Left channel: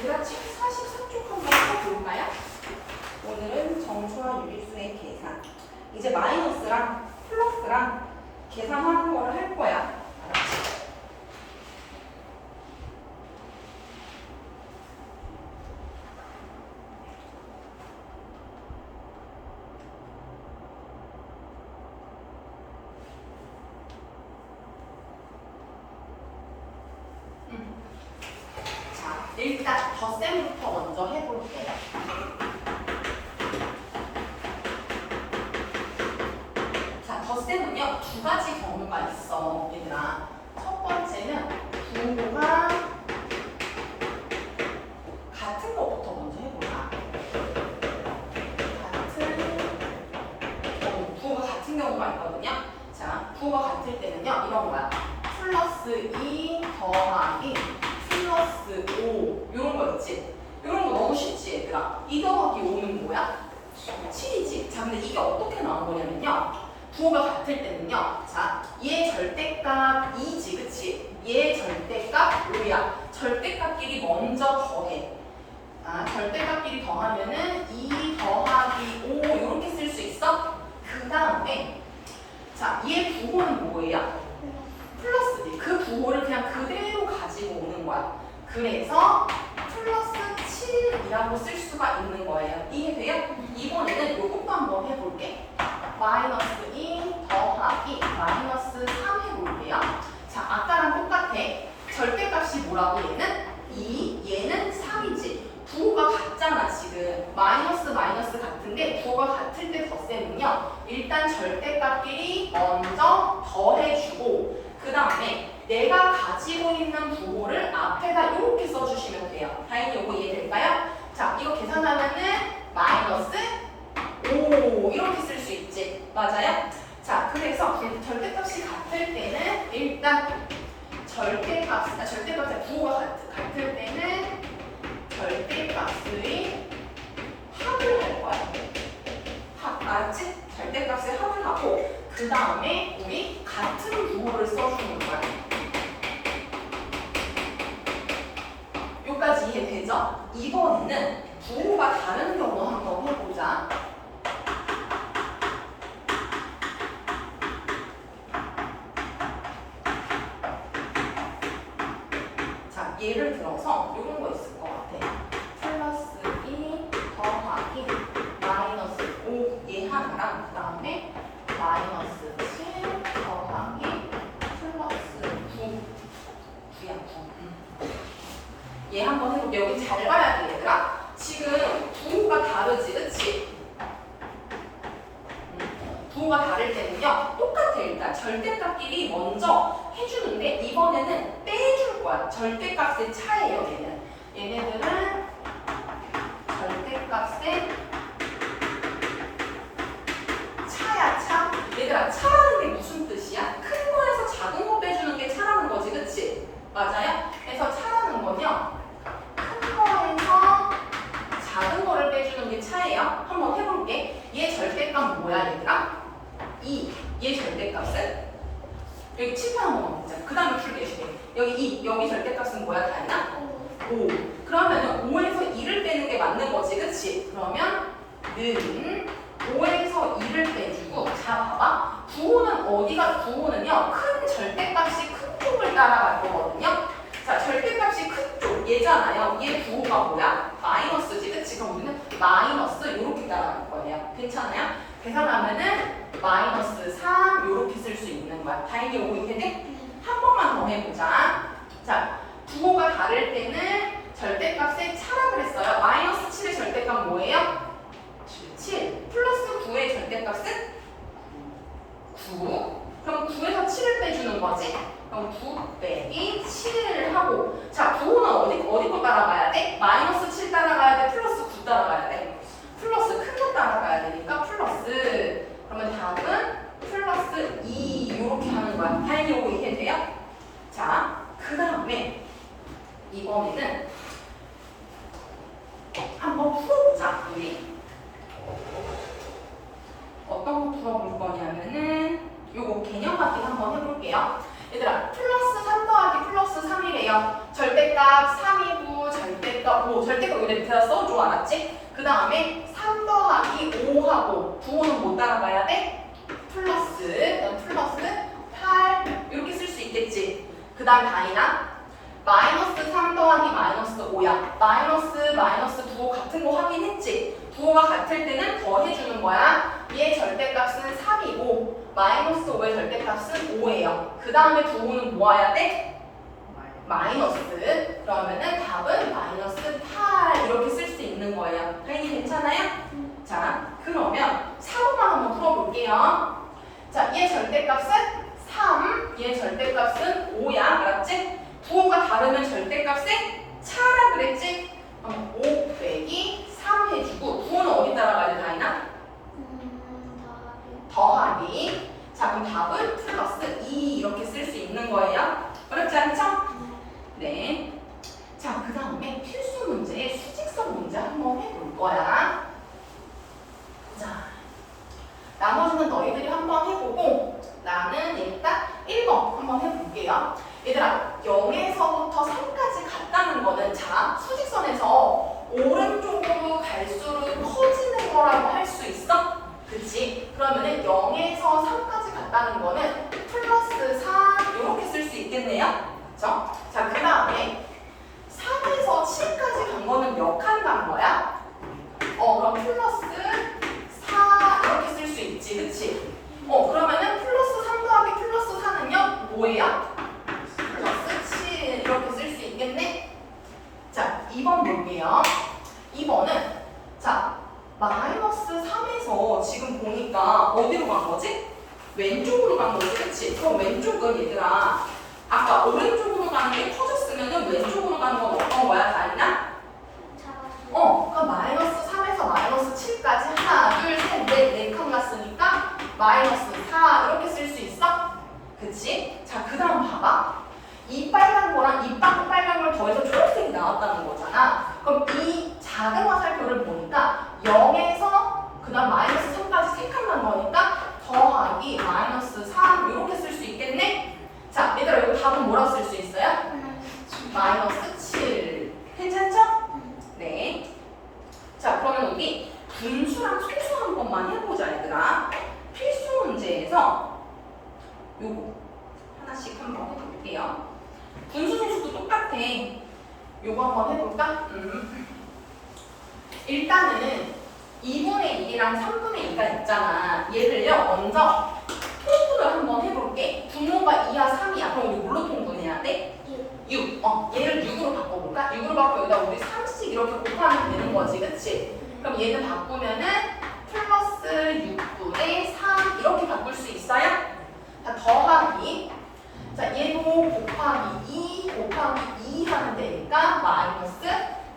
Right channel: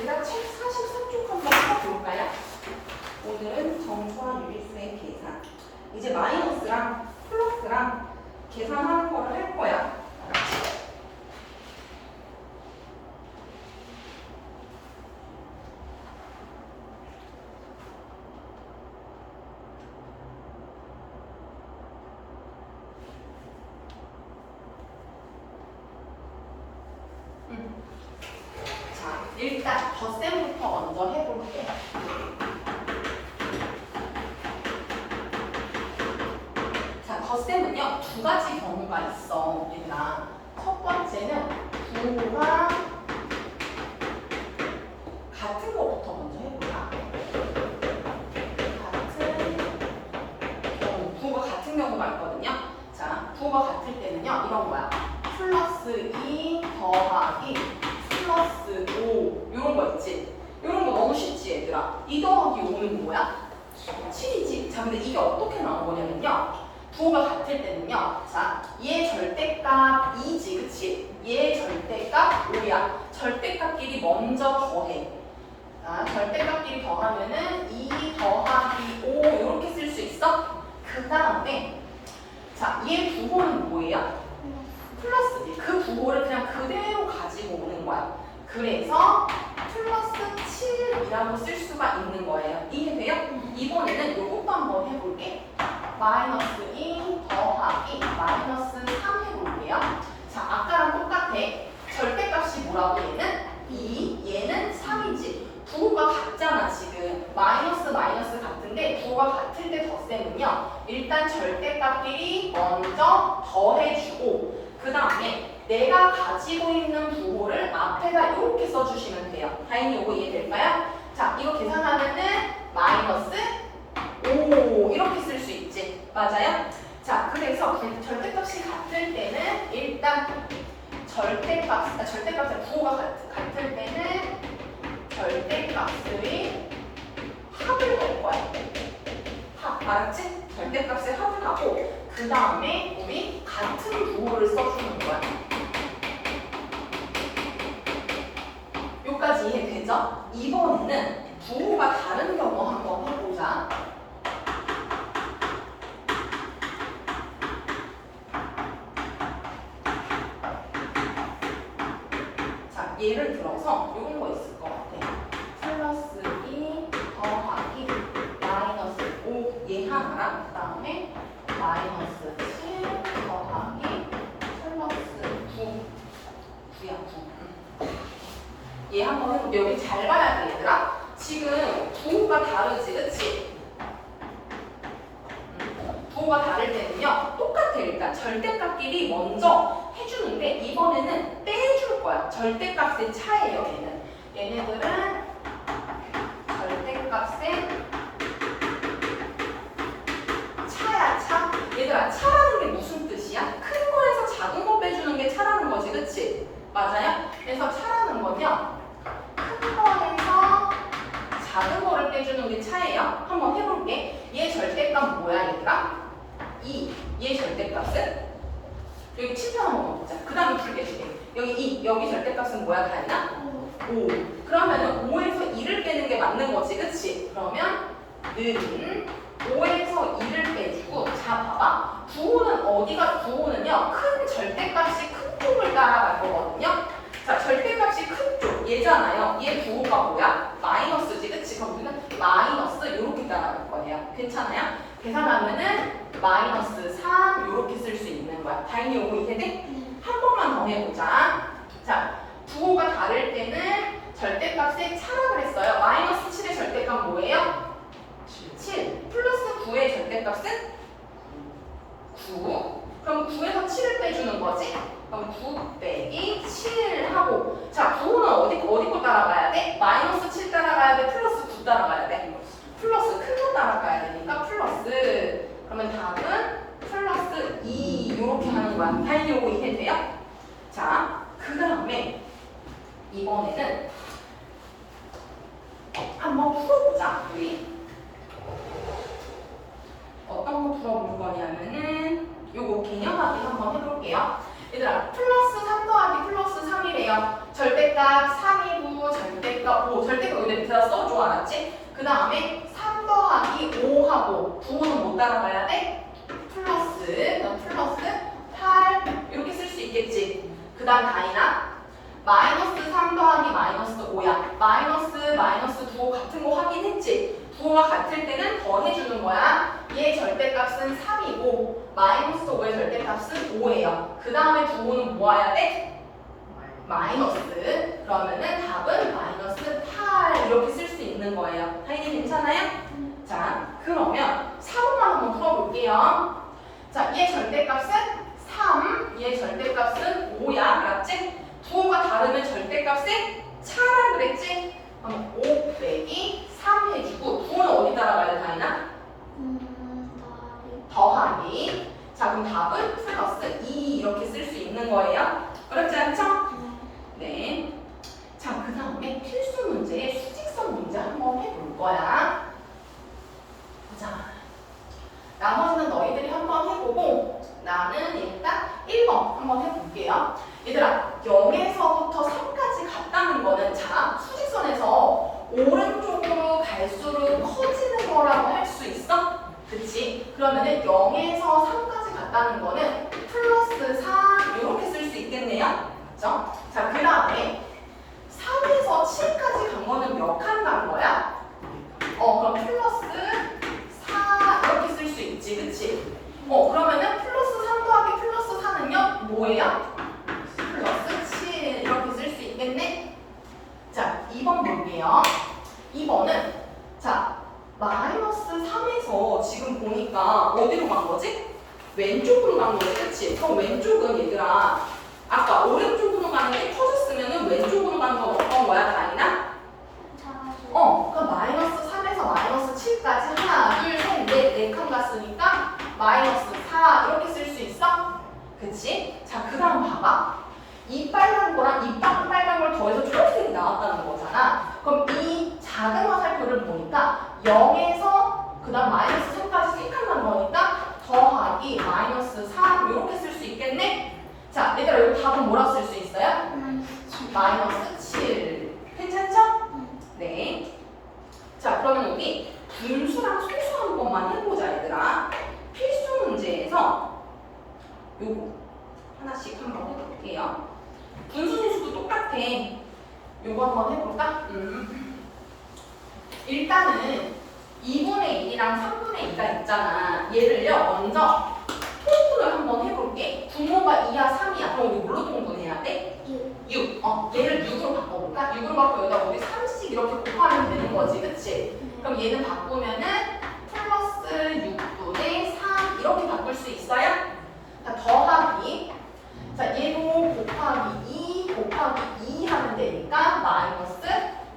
우리가 책 44쪽 한번 써볼까요? 오늘은 정초와 유리수의 계산. 이제 마이너스랑 플러스랑 계산하는 거를 할 거야. 자, 일단 덧셈부터 먼저 해볼게. 자, 덧셈은요 두 가지 경우가 있어, 얘들아. 첫 번째는 부호가 같은 것부터 먼저 해볼까? 부호가 같은 경우가 있거든요. 자, 부호가 같을 때는요 이런 거야. 플러스 2 더하기 플러스 5 이런 거 있지? 이런 거 너무 쉽지 얘들아. 2 더하기 5는 뭐야? 7이지. 자, 근데 이게 어떻게 나온 거냐면요. 부호가 같을 때는요. 자, 얘 절대값 2지, 그치? 얘 절대값 5야. 절대값끼리 먼저 더해. 자, 절대값끼리 더하면은 2 더하기 5 이렇게 쓸 수 있어? 그 다음에 자, 얘 부호는 뭐예요? 플러스지. 그 부호를 그냥 그대로 가지고 오는 거야. 그래서 플러스 7이라고 쓸 수가 있는 거예요. 이해돼요? 이번에는 요것도 한번 해볼게. 마이너스 2 더하기 마이너스 3 해볼게요. 자, 아까랑 똑같아. 절대값이 뭐라고 얘는? 2, 얘는 3이지. 부호가 같잖아 지금. 마이너스 같은데 부호가 같을 때 덧셈은요. 일단 절대값끼리 먼저 더해주고 그 다음에 내가 가지고 있는 부호를 앞에다 이렇게 써주시면 돼요. 다행히 이거 이해될까요? 자, 이거 계산하면은 마이너스 5 이렇게 쓸 수 있지. 맞아요? 자, 그래서 절대값이 같을 때는 일단 부호가 같을 때는 절대값의 합을 할 거야. 합, 알았지? 절대값의 합을 하고 그 다음에 우리 같은 부호를 써주는 거야. 여기까지 이해되죠? 이번에는 부호가 다른 경우 한번 해보자. 자, 예를 들어서 이런 거 있을 것 같아. 플러스 2 더하기 마이너스 5 얘 하나랑 그 다음에 마이너스 7 더하기 플러스 9야 9. 얘 한번 해볼게. 여기 잘 봐야 돼 얘들아. 지금 부호가 다르지 그치? 부호가 다를 때는요 똑같아. 일단 절대값끼리 먼저 해주는데 이번에는 빼줄 거야. 절대값의 차예요 얘는. 얘네들은 절대값의 차야 차. 얘들아 차라는 게 무슨 뜻이야? 큰 거에서 작은 거 빼주는 게 차라는 거지 그치? 맞아요? 그래서 차라는 건요 큰 거에서 작은 거를 빼주는 게 차예요. 한번 해볼게. 얘 절대값 뭐야 얘들아? 2. 얘 절대값은? 여기 칠판 한번 먹자. 그 다음에 풀게 해줄게. 여기 2. 여기 절대값은 뭐야 다현아? 5. 그러면 5에서 2를 빼는 게 맞는 거지 그치? 그러면 는 5에서 2를 빼주고 자 봐봐. 부호는요 큰 절대값이 큰 쪽을 따라갈 거거든요. 자, 절대값이 큰 쪽 얘잖아요. 얘 부호가 뭐야? 마이너스지 그치? 그럼 우리는 마이너스 요렇게 따라갈 거예요. 괜찮아요? 계산하면은 마이너스 3 요렇게 쓸 수 있는 거야. 다행히 이거 이해돼? 한 번만 더 해보자. 자, 부호가 다를 때는 절대값의 차라 그랬어요. 마이너스 7의 절대값 뭐예요? 7. 플러스 9의 절대값은? 9. 그럼 9에서 7을 빼주는 거지? 그럼 9 빼기 7 하고 자, 부호는 어디 거 따라가야 돼? 마이너스 7 따라가야 돼? 플러스 9 따라가야 돼? 플러스 큰 거 따라가야 되니까 플러스. 그러면 답은 하고 절대값 여기 밑에다 써줘. 알았지? 그 다음에 3 더하기 5하고 부호는 못 따라가야 돼? 플러스 8 이렇게 쓸 수 있겠지. 그 다음 단위나 마이너스 3 더하기 마이너스 5야. 마이너스 부호 같은 거 확인했지? 부호가 같을 때는 더해주는 거야. 얘 절대값은 3이고 마이너스 5의 절대값은 5예요. 그 다음에 부호는 뭐 와야 돼? 마이너스. 그러면은 답은 마이너스 8 이렇게 쓸 수 있는 거예요. 하인이 괜찮아요? 자, 그러면 4번만 한번 풀어볼게요. 자, 얘 절대값은 3, 얘 절대값은 5야. 알았지? 부호가 다르면 절대값에 차라 그랬지? 그럼 5 빼기 3 해주고 부호는 어디 따라가야 돼, 다이나? 더하기. 자, 그럼 답은 플러스 2 이렇게 쓸 수 있는 거예요. 어렵지 않죠? 네. 자, 그 다음에 필수 문제의 수직성 문제 한번 해볼 거야. 자, 나머지는 너희들이 한번 해보고 나는 일단 1번 한번 해볼게요. 얘들아, 0에서부터 3까지 갔다는 거는 자, 수직선에서 오른쪽으로 갈수록 커지는 거라고 할 수 있어? 그치? 그러면은 0에서 3까지 갔다는 거는 플러스 4 이렇게 쓸 수 있겠네요? 그쵸? 자, 그 다음에 3에서 7까지 간 거는 몇 칸 간 거야? 그럼 플러스 4 이렇게 쓸 수 있지, 그치? 그러면은 플러스 3 더하기 플러스 4는요? 뭐예요? 플러스 7 이렇게 쓸 수 있겠네? 자, 2번 볼게요. 2번은 자, 마이너스 3에서 지금 보니까 어디로 간 거지? 왼쪽으로 간 거지, 그치? 그럼 왼쪽은 얘들아 아까 오른쪽으로 가는 게 커졌으면은 왼쪽으로 가는 건 어떤 거야, 다이나? 그럼 마이너스 3에서 마이너스 7까지 하나, 둘, 셋, 넷, 4칸 갔으니까 마이너스 4 이렇게 쓸 수 있어? 그치? 자, 그 다음 봐봐. 이 빨간 거랑 이 빨간 걸 더해서 초록색이 나왔다는 거잖아. 그럼 이 작은 화살표를 보니까 0에서 그 다음 마이너스 3까지 3칸 난 거니까 더하기 마이너스 3 이렇게 쓸 수 있겠네? 자, 얘들아 이거 답은 뭐라고 쓸 수 있어요? 마이너스 7. 괜찮죠? 네. 자, 그러면 우리 분수랑 소수 한 번만 해보자, 얘들아. 필수 문제에서 요거 하나씩 한번 해볼게요. 분수 소수도 똑같아. 요거 한번 해볼까? 일단은 2분의 1이랑 3분의 2가 있잖아. 얘를요, 먼저 통분을 한번 해볼게. 분모가 2야, 3이야. 그럼 우리 뭘로 통분해야 돼? 6. 얘를 6으로 바꿔볼까? 6으로 바꿔 여기다 우리 3씩 이렇게 곱하면 되는 거지, 그치? 그럼 얘는 바꾸면은 플러스 6분의 3 이렇게 바꿀 수 있어요? 자, 더하기. 자, 얘도 곱하기 2 곱하기 2 하면 되니까 마이너스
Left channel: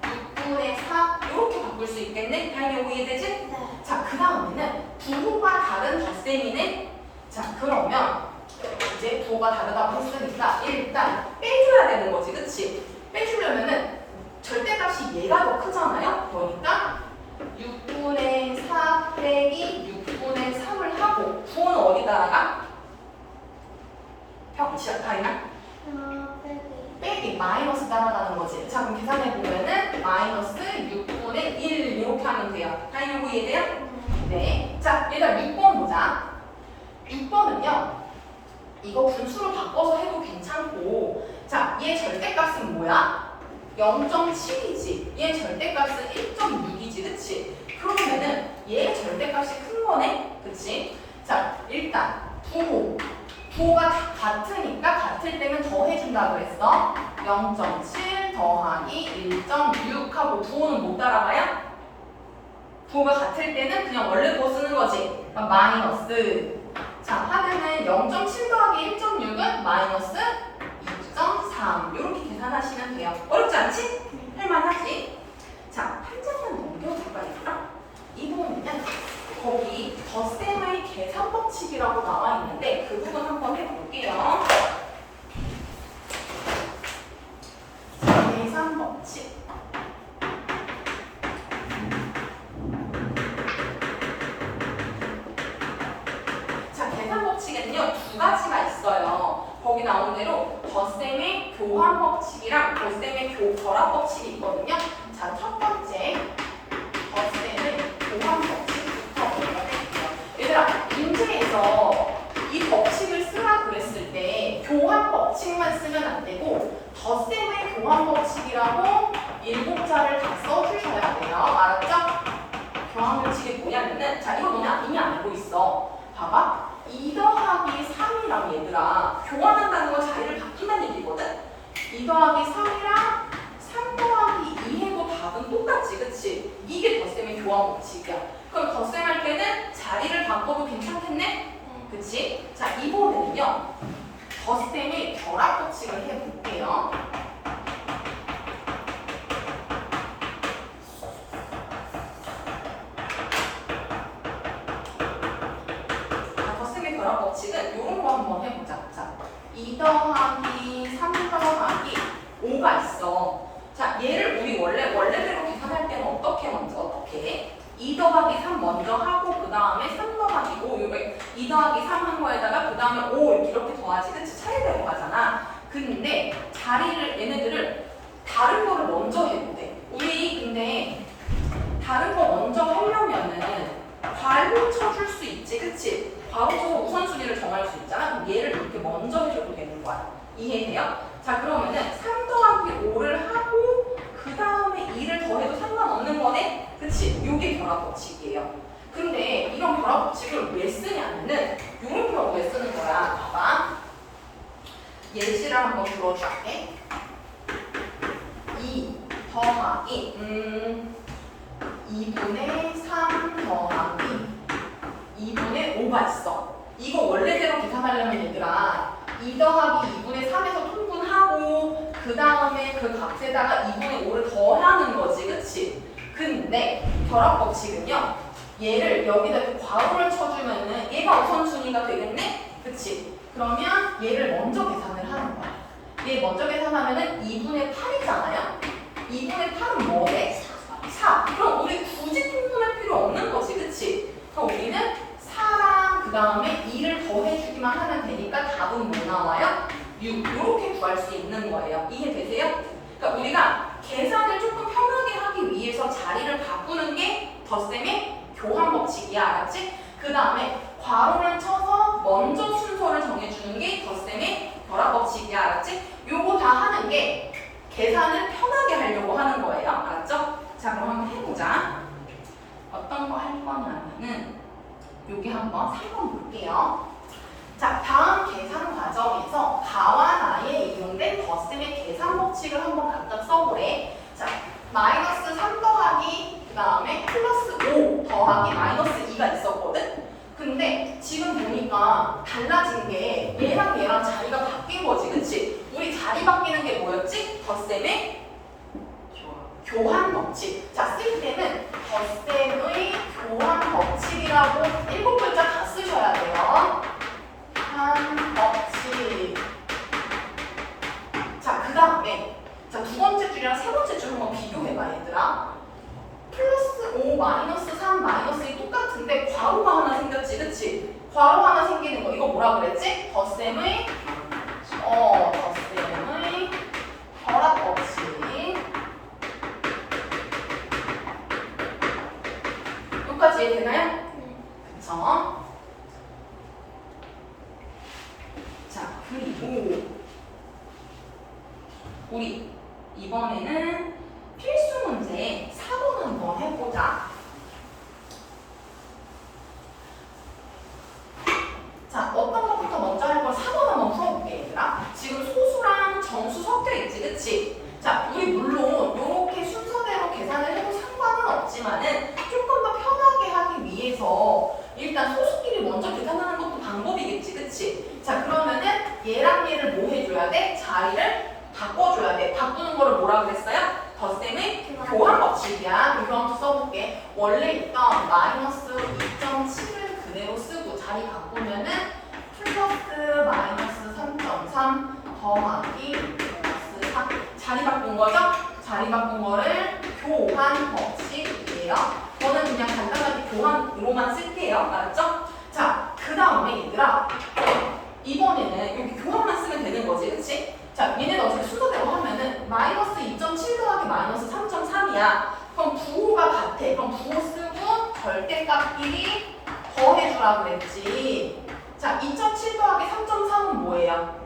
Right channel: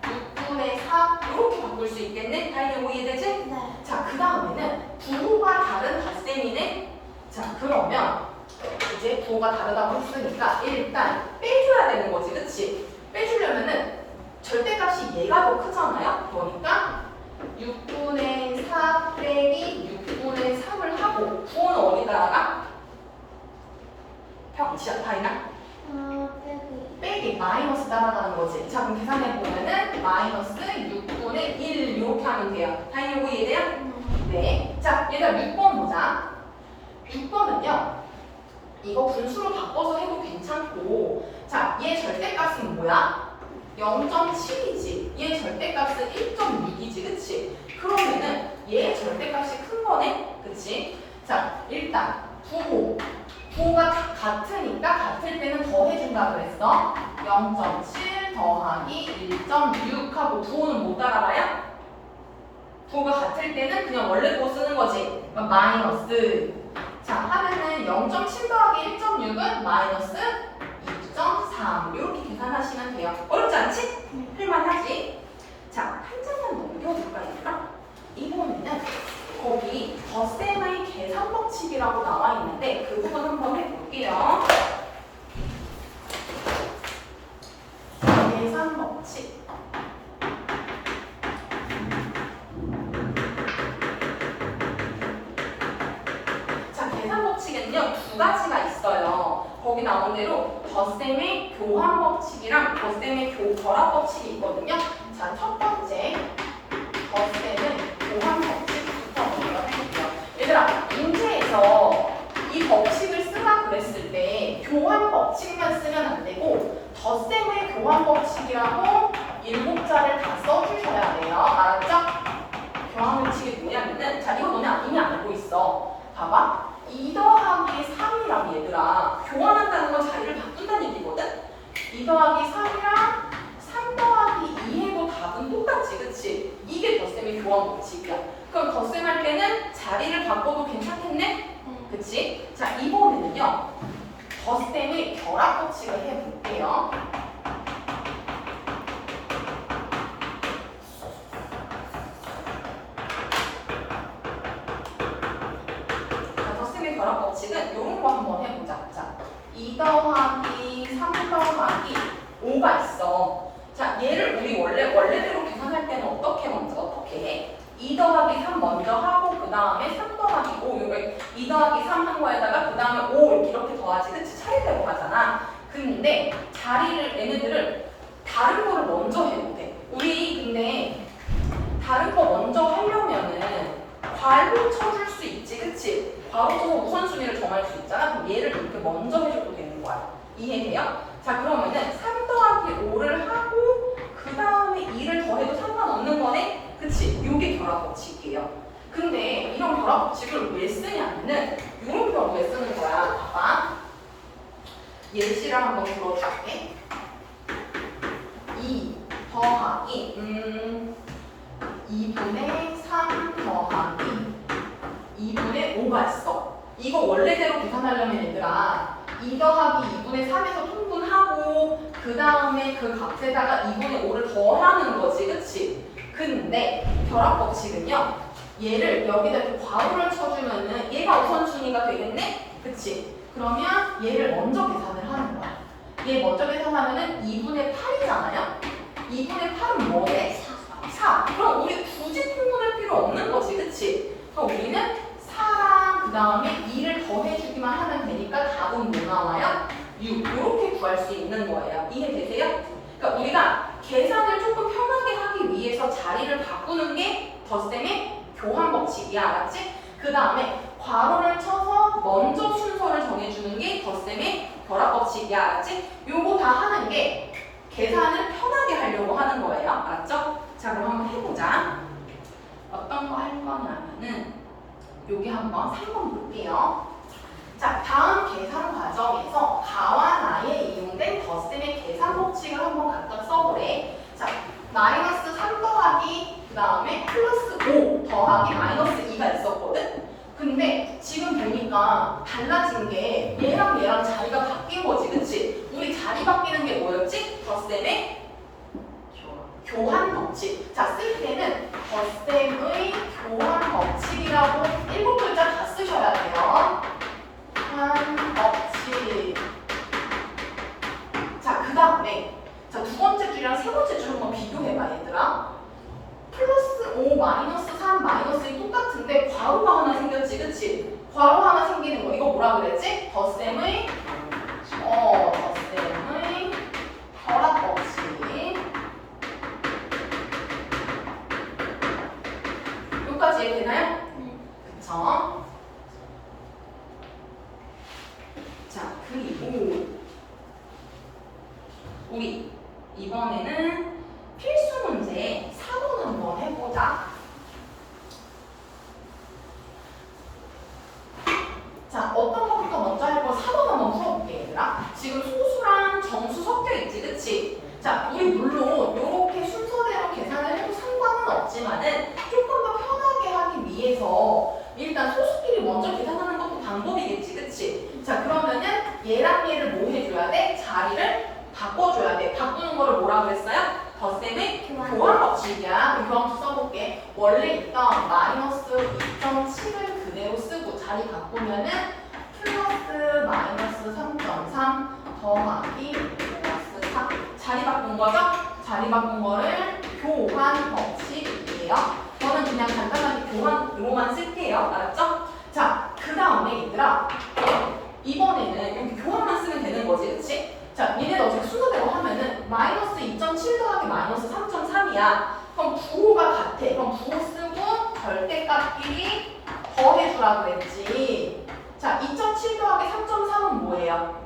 6분의 4 이렇게 바꿀 수 있겠네? 다 이해되지? 네. 자, 그 다음에는 부호가 다른 덧셈이네? 자, 그러면 이제 부호가 다르다고 했으니까 일단 빼줘야 되는 거지, 그치? 빼주려면은 절대값이 얘가 더 크잖아요? 그러니까 6분의 4 빼기 6분의 3을 하고 부호는 어디다가? 평시야, 다이나? 빼기 마이너스 따라가는 거지. 자, 그럼 계산해보면은 마이너스 6분의 1 이렇게 하면 돼요. 다 이거 이해돼요? 네. 자, 일단 6번 보자. 6번은요. 이거 분수로 바꿔서 해도 괜찮고, 자, 얘 절대값은 뭐야? 0.7이지. 얘 절대값은 1.6이지, 그치? 그러면은 얘 절대값이 큰 거네? 그치? 자, 일단 부호가 같으니까 같을 때는 더해준다고 했어. 0.7 더하기 1.6 하고 부호는 못 따라가요? 부호가 같을 때는 그냥 원래 부호 쓰는 거지. 그럼 마이너스. 자, 하면은 0.7 더하기 1.6은 마이너스 2.3 이렇게 계산하시면 돼요. 어렵지 않지? 할만하지? 자, 한 장만 넘겨볼까 얘들아? 이번에는 거기 덧셈의 계산 법칙이라고 나와 있는데 그 부분 한번 해볼게요. 계산 법칙. 자, 계산 법칙에는요 두 가지가 있어요. 거기 나온 대로 덧셈의 교환 법칙이랑 덧셈의 결합 법칙이 있거든요. 자, 첫 번째 덧셈의 교환 법칙부터 먼저 할게요. 얘들아, 문제에서 이 법칙을 쓰라 그랬을 때 교환 법칙만 쓰면 안 되고 덧셈의 교환 법칙이라고 7자를 다 써주셔야 돼요. 알았죠? 교환 법칙이 뭐냐면은, 자, 이거 너네 이미 알고 있어. 봐봐. 2 더하기 3이랑 얘들아, 교환한다는 건 자리를 바꾼다는 얘기거든? 2 더하기 3이랑 3 더하기 2 해도 답은 똑같지, 그치? 이게 덧셈의 교환 법칙이야. 그럼 덧셈 할 때는 자리를 바꿔도 괜찮겠네? 그치? 자, 이번에는요, 덧셈의 결합 법칙을 해볼게요. 결합 법칙은 이런 거 한번 해보자. 자, 2 더하기 3 더하기 5가 있어. 자, 얘를 우리 원래대로 계산할 때는 어떻게 해? 2 더하기 3 먼저 하고 그 다음에 3 더하기 5 이거 2 더하기 3 한 거에다가 그 다음에 5 이렇게 더하지, 그치? 차례대로 하잖아. 근데 얘네들을 다른 거를 먼저 해도 돼. 우리 근데 다른 거 먼저 하려면은 괄호 쳐줄 수 있지, 그치? 괄호 쳐서 우선순위를 정할 수 있잖아. 그럼 얘를 이렇게 먼저 해줘도 되는 거야. 이해돼요? 자, 그러면은 3 더하기 5를 하고 그 다음에 2를 더해도 상관없는 거네? 그치? 요게 결합 법칙이에요. 근데 이런 결합 법칙을 왜 쓰냐면은 이런 경우에 쓰는 거야. 봐봐. 예시를 한번 주어줄게. 2 더하기 2분의 3 더하기 2분의 5가 있어. 이거 원래대로 계산하려면 얘들아 2 더하기 2분의 3에서 통분하고 그 다음에 그 값에다가 2분의 5를 더하는 거지, 그치? 근데 결합 법칙은요, 얘를 여기다 그 괄호를 쳐주면은 얘가 우선순위가 되겠네? 그치? 그러면 얘를 먼저 계산을 하는 거야. 얘 먼저 계산하면은 2분의 8이잖아요? 2분의 8은 뭐래? 4. 그럼 우리 굳이 통분할 필요 없는 거지, 그치? 그럼 우리는 4랑 그 다음에 2를 더해주기만 하면 되니까 답은 뭐 나와요? 6. 이렇게 구할 수 있는 거예요. 이해되세요? 그러니까 우리가 계산을 조금 편하게 하기 위해서 자리를 바꾸는 게 덧셈의 교환 법칙이야, 알았지? 그 다음에 괄호를 쳐서 먼저 순서를 정해주는 게 덧셈의 결합 법칙이야, 알았지? 요거 다 하는 게 계산을 편하게 하려고 하는 거예요, 알았죠? 자, 그럼 한번 해보자. 어떤 거 할 거냐면은 여기 한번 3번 볼게요. 자, 다음 계산 과정에서 가와 나에 이용된 덧셈의 계산 법칙을 한번 각각 써보래. 자, 마이너스 3 더하기 그 다음에 플러스 5 더하기 마이너스 2가 있었거든? 근데 지금 보니까 달라진 게 얘랑 자리가 바뀐 거지, 그치? 우리 자리 바뀌는 게 뭐였지? 덧셈의 교환 법칙. 자, 쓸 때는 덧셈의 교환 법칙이라고 7글자 다 쓰셔야 돼요. 교환 법칙. 자, 그 다음에 자, 두 번째 줄이랑 세 번째 줄 한번 비교해봐, 얘들아. 플러스 5, 마이너스 3, 마이너스 2 똑같은데 괄호가 하나 생겼지, 그치? 괄호 하나 생기는 거, 이거 뭐라 그랬지? 덧셈의 결합 법칙. 여기까지 이해되나요? 그쵸? 자, 그리고 우리 이번에는 필수 문제 4번 한번 해보자. 자, 어떤 것부터 먼저 할 거야? 4번 한번 풀어볼게, 얘들아. 지금 소수랑 정수 섞여 있지, 그치? 자, 우리 물론 이렇게 순서대로 계산을 해도 상관은 없지만은 조금 더 편하게 하기 위해서 일단 소수끼리 먼저 계산하는 것도 방법이겠지, 그치? 자, 그러면은 얘랑 얘를 뭐 해줘야 돼? 자리를 바꿔줘야 돼. 바꾸는 거를 뭐라 그랬어요? 덧셈의 교환 법칙이야. 그럼 교환 써볼게. 원래 있던 마이너스 2.7을 그대로 쓰고 자리 바꾸면은 플러스 마이너스 3.3 더하기 플러스 4. 자리 바꾼 거죠? 자리 바꾼 거를 교환 법칙이에요. 저는 그냥 간단하게 교환으로만 쓸게요. 알았죠? 자, 그 다음에 얘들아, 이번에는 여기 교환만 쓰면 되는 거지, 그치? 자, 얘네는 어차피 순서대로 하면은 마이너스 2.7 더하기 마이너스 3.3이야. 그럼 부호가 같아. 그럼 부호 쓰고 절대값끼리 더해주라고 그랬지. 자, 2.7 더하기 3.3은 뭐예요?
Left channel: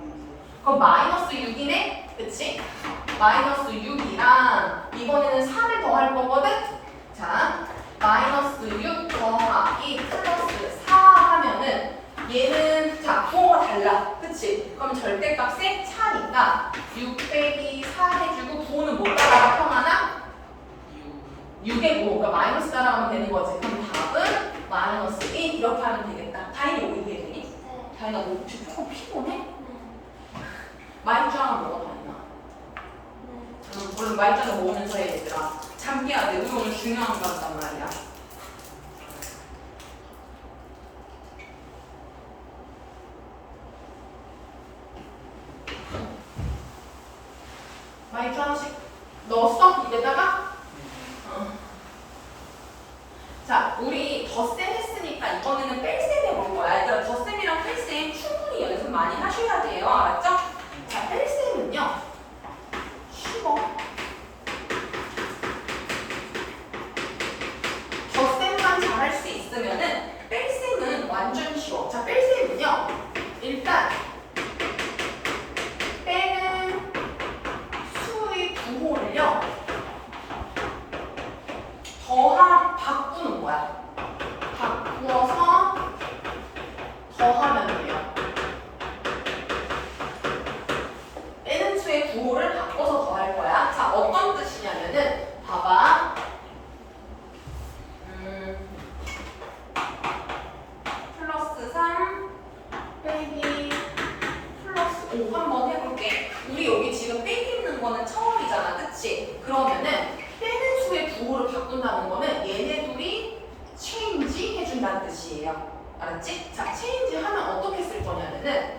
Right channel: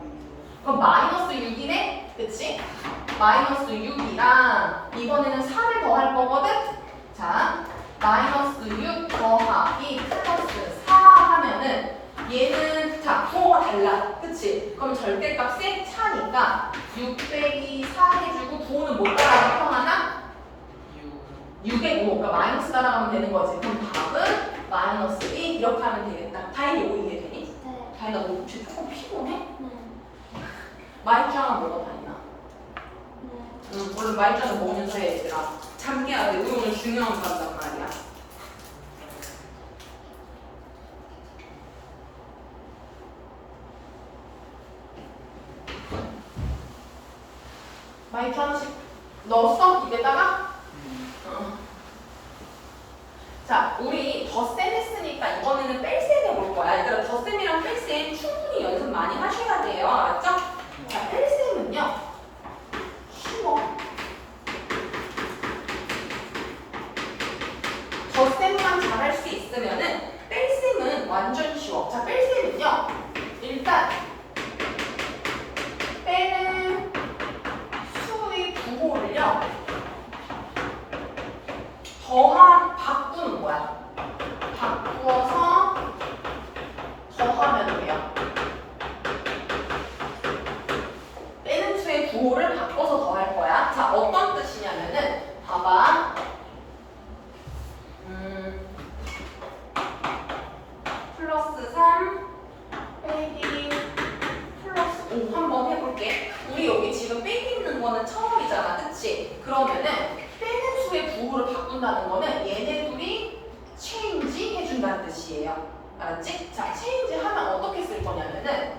그럼 마이너스 6이네? 그치? 마이너스 6이랑 이번에는 3을 더할 거거든? 자, 마이너스 6 더하기 플러스 4 하면은 얘는 자 부호가 달라. 그치? 그럼 절대값이 4니까 6 빼기 4 해주고 부호는 못 따라가 평하나? 6의 5. 그러니까 마이너스 따라가면 되는 거지. 그럼 답은 마이너스 1 이렇게 하면 되겠다. 다행히 이거 이해되니? 네. 다행히 나 지금 조금 피곤해? 네. 마이짱을 먹어 다니나? 네. 얼른 마이짱을 먹으면서 해 얘들아. 잠겨야 돼. 우리 오늘 중요한 거란 말이야. 마이짱 하나씩 넣었어? 입에다가? 자, 우리 덧셈 했으니까 이번에는 뺄셈 해볼 거야. 얘들아, 덧셈이랑 뺄셈 충분히 연습 많이 하셔야 돼요. 알았죠? 자, 뺄셈은요. 쉬워. 덧셈만 잘할 수 있으면은 뺄셈은 완전 쉬워. 자, 뺄셈은요. 일단 빼는 수의 부호를요. 바꾸는 거야. 바꾸어서 더하면 돼요. 빼는 수의 부호를 바꿔서 더할 거야. 자, 어떤 뜻이냐면은 봐봐. 플러스 3 빼기 플러스 5 한번 해볼게. 우리 여기 지금 빼기 있는 거는 처음이잖아. 그치? 그러면은 빼는 수의 부호를 바꾼다는 거는 얘네 둘이 체인지 해준다는 뜻이에요. 알았지? 자, 체인지 하면 어떻게 쓸 거냐면은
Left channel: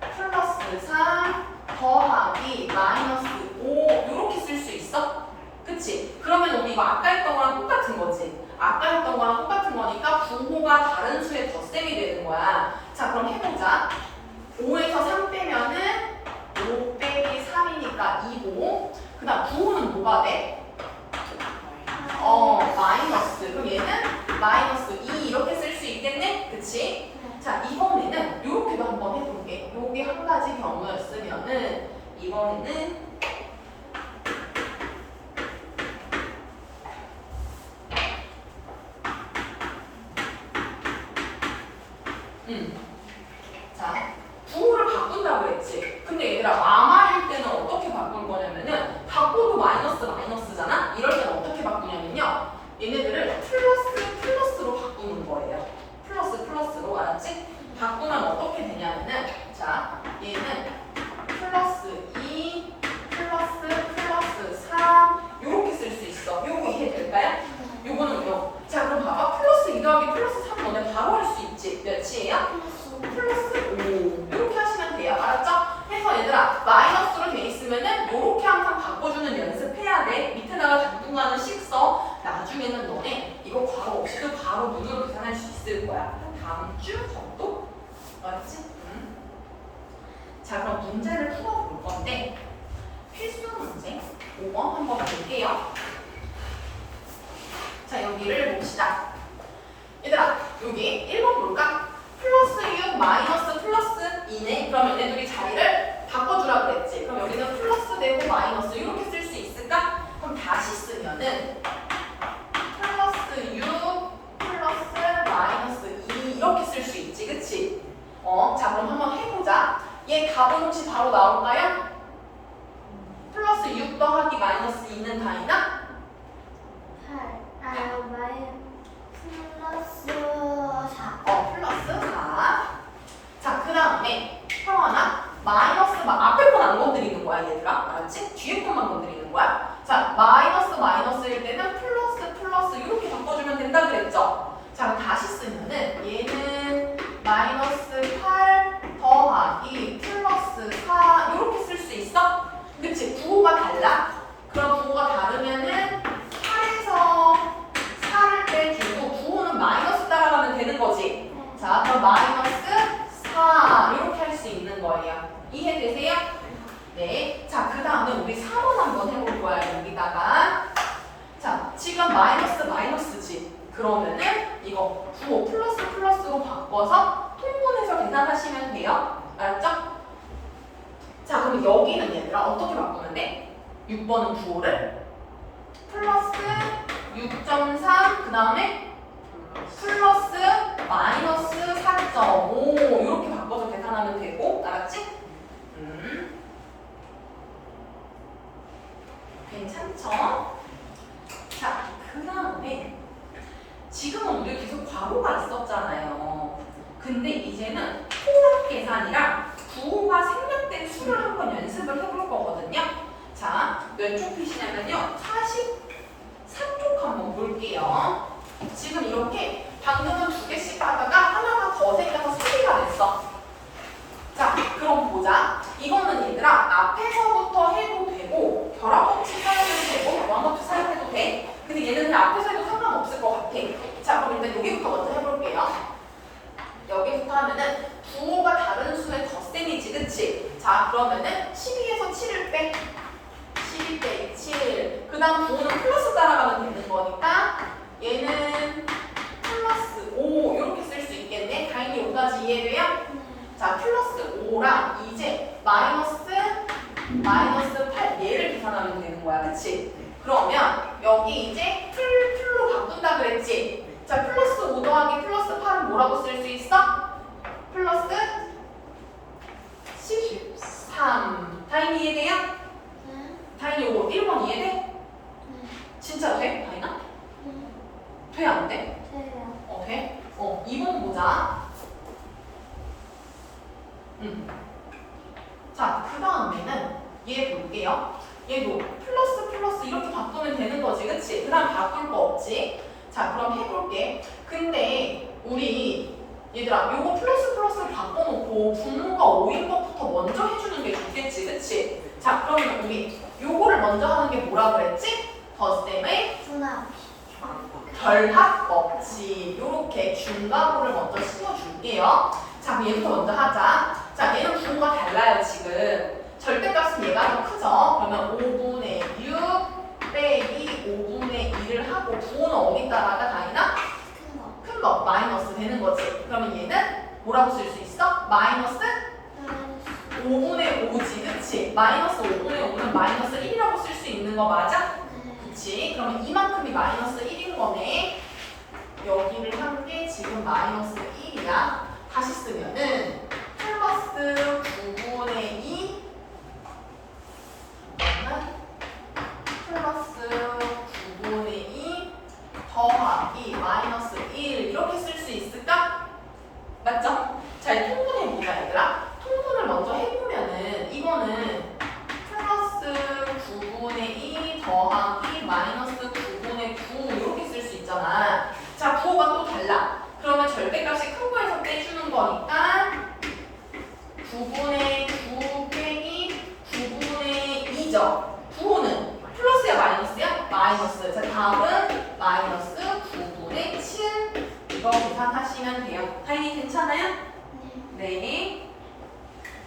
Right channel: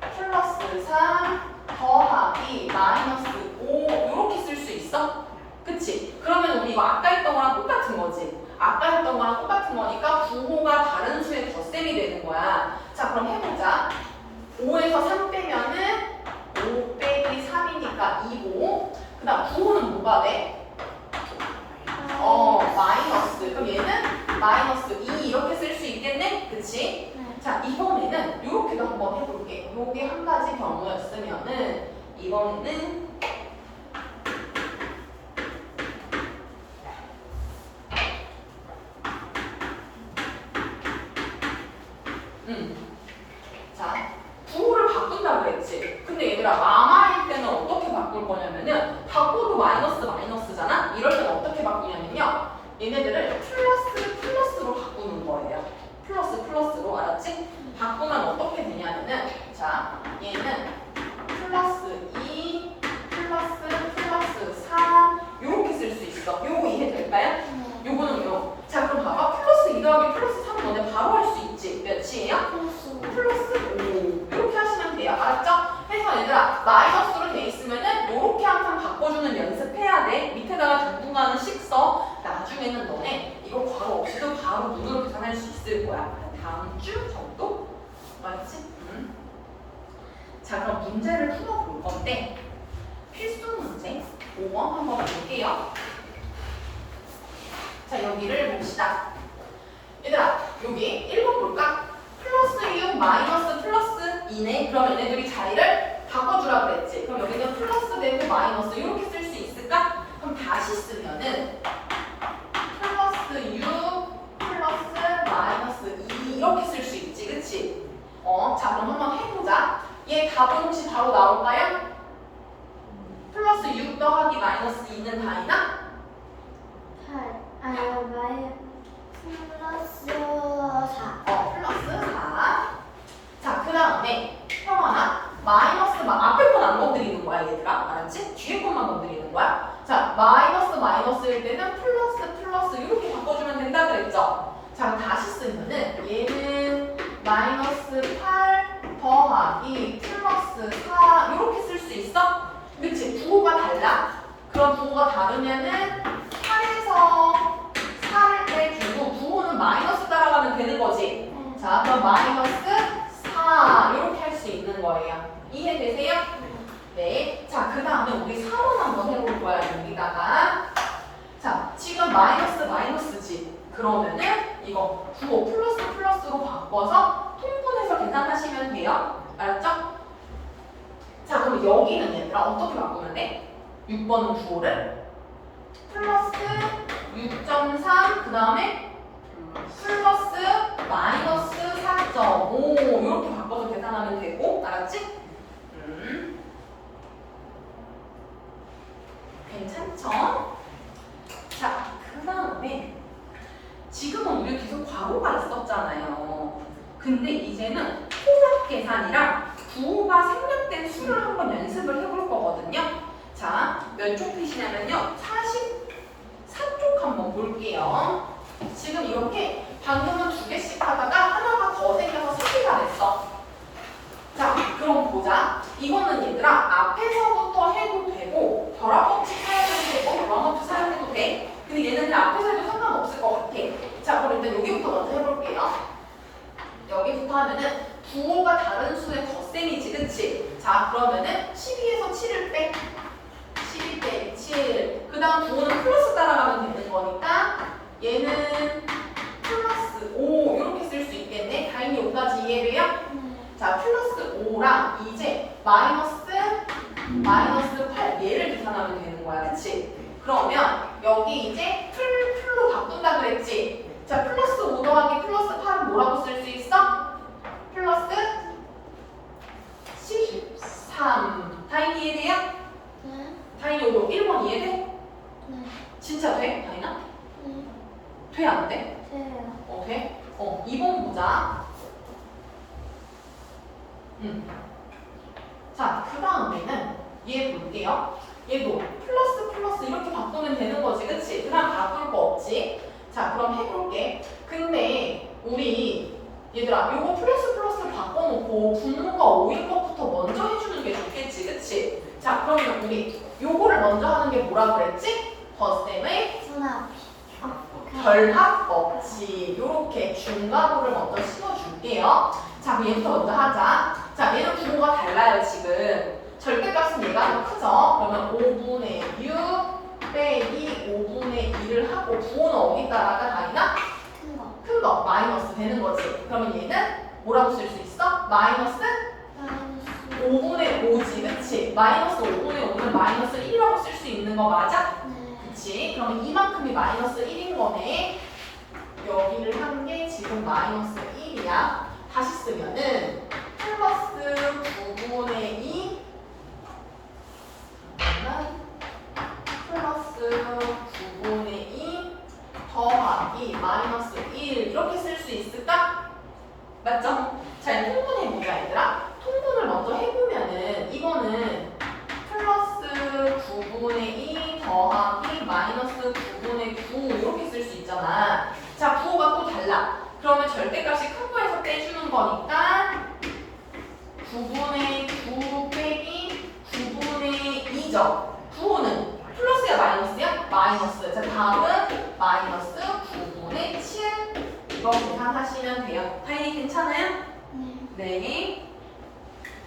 플러스 3 더하기 마이너스 5 이렇게 쓸 수 있어? 그치? 그러면 우리 이거 아까 했던 거랑 똑같은 거지. 아까 했던 거랑 똑같은 거니까 부호가 다른 수의 덧셈이 되는 거야. 자, 그럼 해보자. 5에서 3 빼면은 5 빼기 3이니까 2고 그 다음 부호는 뭐가 돼? 마이너스. 그럼 얘는 마이너스 2 이렇게 쓸 수 있겠네? 그치? 네. 자, 이번에는 요렇게도 한번 해볼게. 요게 한 가지 경우였으면은 이번에는 자, 부호를 바꾼다고 그랬지. 근데 얘들아, 마마일 때는 어떻게 바꿀 거냐면은 바꿔도 마이너스잖아? 이럴 때는 어떻게 바꾸냐면요. 얘네들을 플러스로 바꾸는 거예요. 플러스로, 알았지? 바꾸면 어떻게 되냐면은 자, 얘는 플러스 2 플러스 4 요렇게 쓸 수 있어. 요거 이해될까요? 요거는 요. 자, 그럼 봐봐. 플러스 2 더하기 플러스 3 너네 바로 할 수 있지. 몇이에요? 플러스 5 이렇게 하시면 돼요. 알았죠? 해서 얘들아, 마이너스로 돼 있으면은 요렇게 항상 바꿔주는 연습해야 돼. 밑에다가 당분간은 식써. 나중에는 너네 이거 괄호 없이도 바로 눈으로 계산할 수 있을 거야. 다음 주 정도? 알았지? 자, 그럼 문제를 풀어볼 건데 필수 문제 5번 한번 볼게요. 자, 여기를 봅시다. 얘들아, 여기 1번 볼까? 플러스 6 마이너스 플러스 2네. 그러면 얘네들이 자리를 바꿔주라 그랬지. 그럼 여기는 플러스 되고 마이너스 이렇게 쓸 수 있을까? 그럼 다시 쓰면은 플러스 6 플러스 마이너스 2 이렇게 쓸 수 있지. 그치? 자, 그럼 한번 해보자. 얘 답은 혹시 바로 나올까요? 플러스 6 더하기 마이너스 2는 다이나? 플러스 4. 플러스 4. 자, 그 다음에 형아나 마이너스 앞에 건 안 건드리는 거야, 얘들아. 알았지? 뒤에 것만 건드리는 거야. 자, 마이너스일 때는 플러스 이렇게 바꿔주면 된다 그랬죠? 자, 그럼 다시 쓰면은 얘는 마이너스 8 더하기 플러스 4 이렇게 쓸 수 있어? 그치? 부호가 달라? 그럼 부호가 다르면은 8에서 4를 빼주고 부호는 마이너스 따라가면 되는 거지? 자, 그럼 마이너스 4 이렇게 할 수 있는 거예요. 이해되세요? 네. 자, 그 다음에 우리 4번 한번 해볼 거야, 여기다가. 자, 지금 마이너스지. 그러면은 이거 9호 플러스로 바꿔서 통분해서 계산하시면 돼요. 알았죠? 자, 그럼 여기는 얘들아 어떻게 바꾸면 돼? 6번은 9호를 플러스 6.3 그 다음에 플러스 마이너스 4.5 이렇게 바꿔서 계산하면 되고 알았지? 괜찮죠? 자, 그 다음에 지금은 우리 계속 괄호가 있었잖아요. 근데 이제는 통합 계산이랑 부호가 생략된 수를 한번 연습을 해볼 거거든요. 자, 몇 쪽 핏이냐면요. 44쪽 한번 볼게요. 지금 이렇게 방금은 2개씩 하다가 하나가 더 생겨서 3개가 됐어. 자, 그럼 보자. 이거는 얘들아 앞에서부터 해도 되고 결합법칙 사용해도 되고 결합법칙 사용해도 돼. 근데 얘는 그냥 앞에서 해도 상관없을 것 같아. 자, 그럼 일단 여기부터 먼저 해볼게요. 여기부터 하면은 부호가 다른 수의 덧셈이지, 그치? 자, 그러면은 12에서 7을 빼. 12 빼기 7. 그 다음 부호는 플러스 따라가면 되는 거니까 얘는 플러스 5 이렇게 쓸 수 있겠네. 다행히 5까지 이해돼요? 자, 플러스 5랑 이제 마이너스 8 얘를 계산하면 되는 거야, 그치? 그러면 여기 이제 풀로 바꾼다 그랬지? 자, 플러스 5 더하기 플러스 8은 뭐라고 쓸 수 있어? 플러스 13. 다행히 이해돼요? 네. 다행히 요거 1번 이해돼? 네. 진짜 돼? 다행이나? 돼? 안 돼? 돼요. 돼? 2번 보자. 자, 그 다음에는 얘 볼게요. 얘도 플러스 이렇게 바꾸면 되는 거지, 그치? 그 다음 바꿀 거 없지? 자, 그럼 해볼게. 근데 우리 얘들아 요거 플러스를 바꿔놓고 분모가 5인 것부터 먼저 해주는 게 좋겠지, 그치? 자, 그러면 우리 요거를 먼저 하는 게 뭐라 그랬지? 덧셈의 분합. 결합법칙. 요렇게 중괄호를 먼저 씌워줄게요. 자, 그럼 얘부터 먼저 하자. 자, 얘는 부호가 달라요, 지금. 절대값은 얘가 더 크죠? 그러면 5분의 6 빼기 5분의 2를 하고 부호는 어디 따라가, 다이나? 큰 거. 큰 거, 마이너스 되는 거지. 그러면 얘는 뭐라고 쓸 수 있어? 마이너스 마이너스. 5분의 5지, 그치? 마이너스 5분의 5는 마이너스 1이라고 쓸 수 있는 거 맞아? 네. 그치? 그러면 이만큼이 마이너스 1인 거네. 여기를 한 게 지금 마이너스 1이야. 다시 쓰면은 플러스 9분의 2 플러스 9분의 2 더하기 마이너스 1 이렇게 쓸 수 있을까? 맞죠? 잘 통분해보자, 얘들아. 통분을 먼저 해보면은 이거는 플러스 9분의 2 더하기 마이너스 9분의 9 이렇게 쓸 수 있잖아. 자, 부호가 또 달라. 그러면 절대값이 큰 거에서 떼주는 거니까 9분의 9 빼기 9분의 2죠. 부호는 플러스야 마이너스야? 마이너스. 자, 다음은 마이너스 9분의 7 이거 계산하시면 돼요. 다행히 괜찮아요? 네. 네.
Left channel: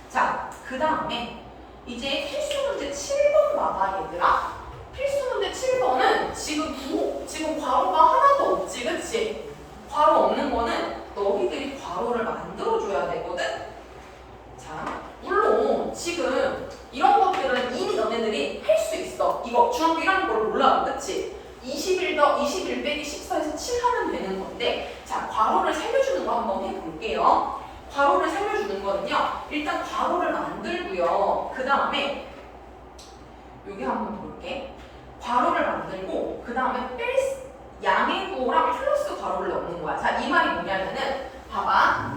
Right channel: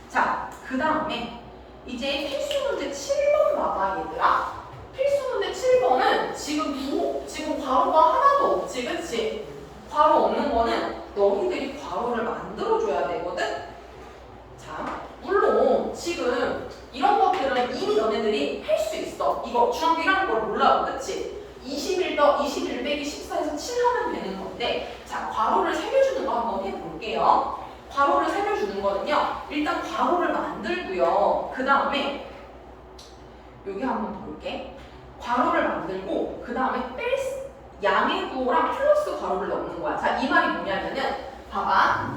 자, 그 다음에 이제 필수 문제 7번 봐봐, 얘들아. 필수 문제 7번은 지금 괄호가 하나도 없지, 그치? 괄호 없는 거는 너희들이 괄호를 만들어줘야 되거든? 자, 물론 지금 이런 것들은 이미 너네들이 할 수 있어. 이거 중학교 1학년 걸 몰라, 그치? 21 빼기 14에서 7 하면 되는 건데, 자, 괄호를 살려주는 거 한번 해볼게요. 괄호를 살려주는 거는요, 일단 괄호를 만들고요. 그 다음에 여기 한번 볼게. 괄호를 만들고 그 다음에 양의 부호랑 플러스 괄호를 넣는 거야. 자, 이 말이 뭐냐면은 봐봐.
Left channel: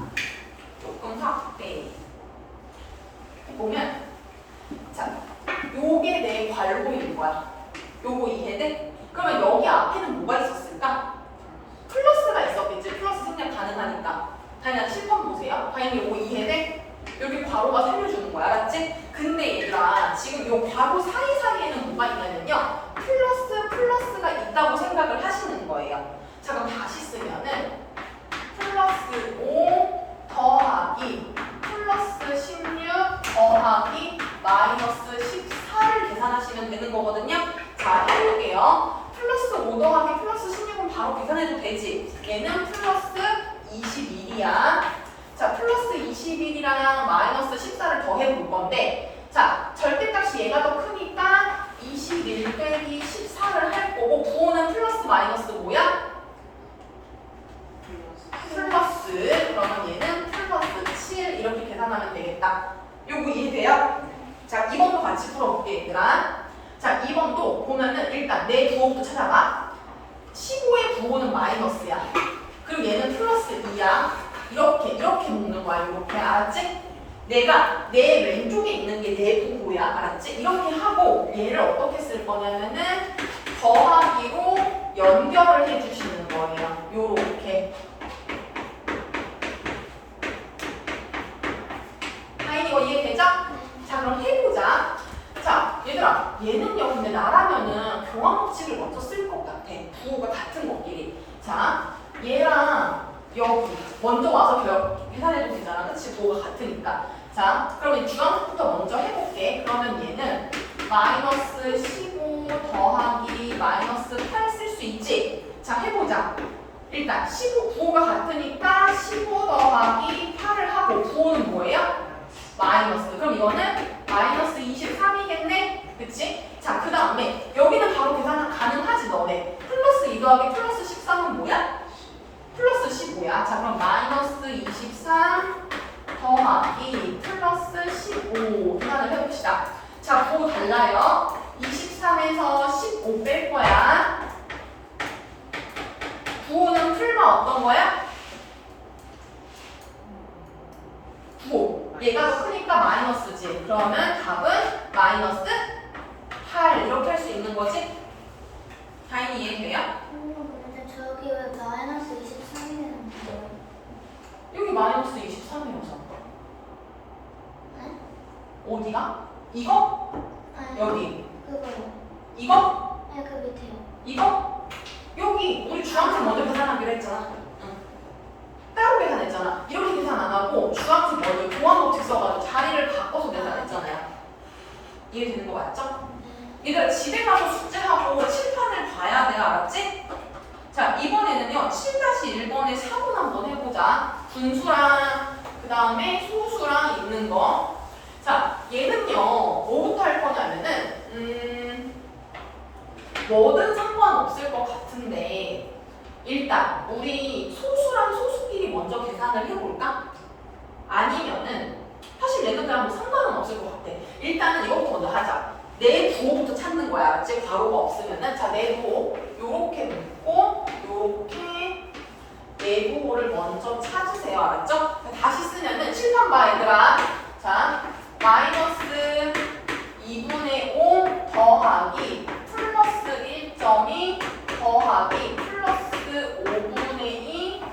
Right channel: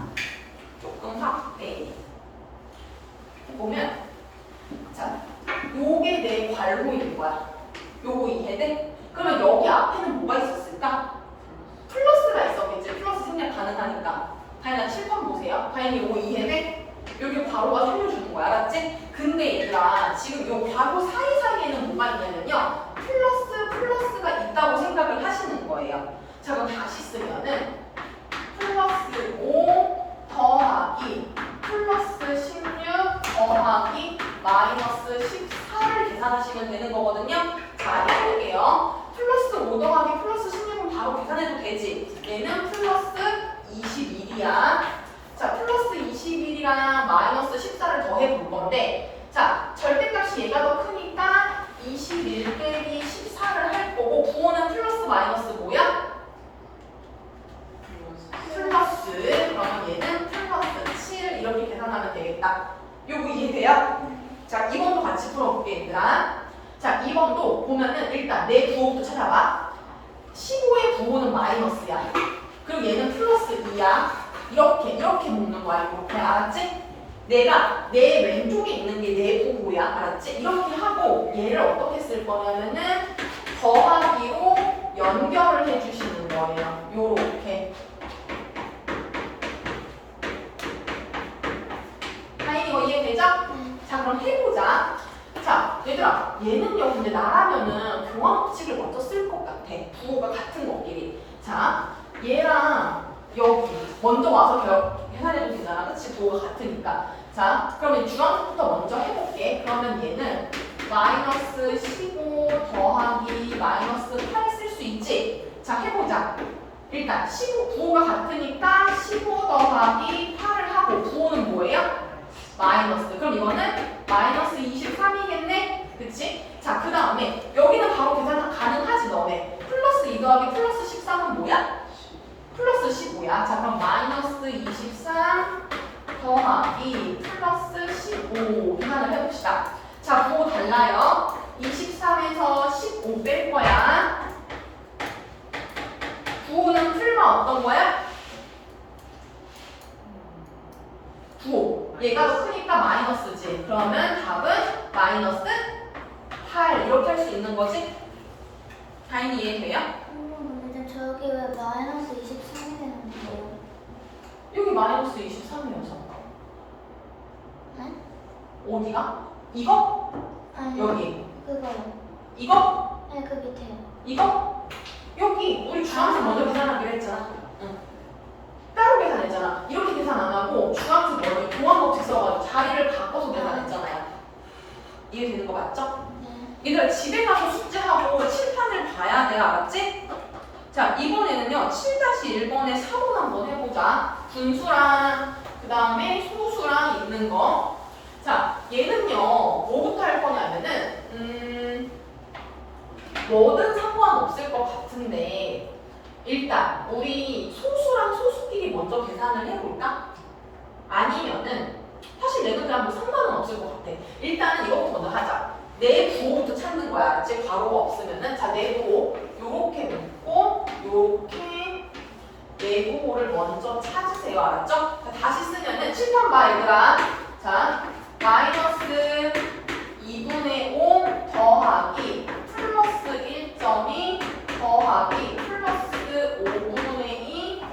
조금 확대 해보면 자, 요게 내 괄호인 거야. 요거 이해돼? 그러면 여기 앞에는 뭐가 있었을까? 플러스가 있었겠지. 플러스 생략 가능하니까. 다행히 7번 보세요. 다행히 5 이해돼? 여기 괄호가 살려주는 거야. 알았지? 근데 얘들아 지금 요 괄호 사이사이에는 뭐가 있냐면요. 플러스가 있다고 생각을 하시는 거예요. 자, 그럼 다시 쓰면은 플러스 5 더하기 플러스 16 더하기 마이너스 자, 해볼게요. 플러스 5 더하기 플러스 16은 바로 계산해도 되지. 얘는 플러스 21이야. 자, 플러스 21이랑 마이너스 14를 더해볼 건데, 자, 절대값이 얘가 더 크니까 21 빼기 14를 할 거고, 부호는 플러스 마이너스 뭐야? 플러스. 그러면 얘는 플러스 7 이렇게 계산하면 되겠다. 요거 이해돼요? 자, 2번도 같이 풀어볼게, 얘들아. 자, 2번도 보면은 일단 내 부호부터 찾아봐. 15의 부호는 마이너스야. 그리고 얘는 플러스 2야. 이렇게 묶는 거야. 이렇게. 알았지? 내가 내 왼쪽에 있는 게 내 부호야. 알았지? 이렇게 하고 얘를 어떻게 쓸 거냐면은 더하기로 연결을 해주시는 거예요. 요렇게. 하인이 이거 이해되죠? 자, 그럼 해보자. 자, 얘들아, 얘는요, 근데 나라면은 교환 법칙을 먼저 쓸 것 같아. 부호가 같은 것끼리. 자, 얘랑 여기 먼저 와서 계산해도 되잖아. 그치? 부호가 같으니까. 자, 그러면 주황색부터 먼저 해볼게. 그러면 얘는 마이너스 15 더하기 마이너스 8 쓸 수 있지? 자, 해보자. 일단 15 부호가 같으니까 15 더하기 8을 하고 부호는 뭐예요? 마이너스. 그럼 이거는 마이너스 23이겠네? 그치? 자, 그 다음에 여기는 바로 계산 가능하지 너네. 플러스 2 더하기 플러스 13은 뭐야? 플러스 15야. 자, 그럼 마이너스 23 더하기 플러스 15 계산을 해봅시다. 자, 부호 달라요. 23에서 15 뺄 거야. 부호는 풀마 어떤 거야? 부호. 얘가 더 크니까 마이너스지. 그러면 답은 마이너스 8 이렇게 할 수 있는 거지? 다인이 이해돼요? 근데 저기 왜 마이너스 23이 되는데요? 여기 마이너스 23이어서 네? 어디가? 이거? 아니, 여기. 그거요. 이거? 네, 그 밑에요. 이거? 여기 우리 주황색 먼저 계산하기로 했잖아. 응. 따로 계산했잖아. 이렇게 계산 안 하고 주황색 먼저 교환 법칙 써가지고 자리를 바꿔서 계산했잖아요. 이해되는 거 맞죠? 네. 얘들아 집에 가서 숙제하고 칠판을 봐야 돼. 알았지? 자, 이번에는요 7-1번에 4번 한번 해보자. 분수랑 그 다음에 소수랑 있는 거. 자, 얘는요 뭐부터 할 거냐면은 뭐든 상관없을 것 같은데 일단 우리 소수랑 소수끼리 먼저 계산을 해볼까? 아니면은 사실 얘는 그냥 뭐 상관은 없을 것 같아. 일단은 이거부터 먼저 하자. 내 부호부터 찾는 거야. 알았지? 괄호가 없으면은 자, 내 부호 요렇게 묶고 요렇게 내 부호를 먼저 찾으세요. 알았죠? 다시 쓰면은 칠판 봐 얘들아. 자, 마이너스 2분의 5 더하기 플러스 1.2 더하기 플러스 5분의 2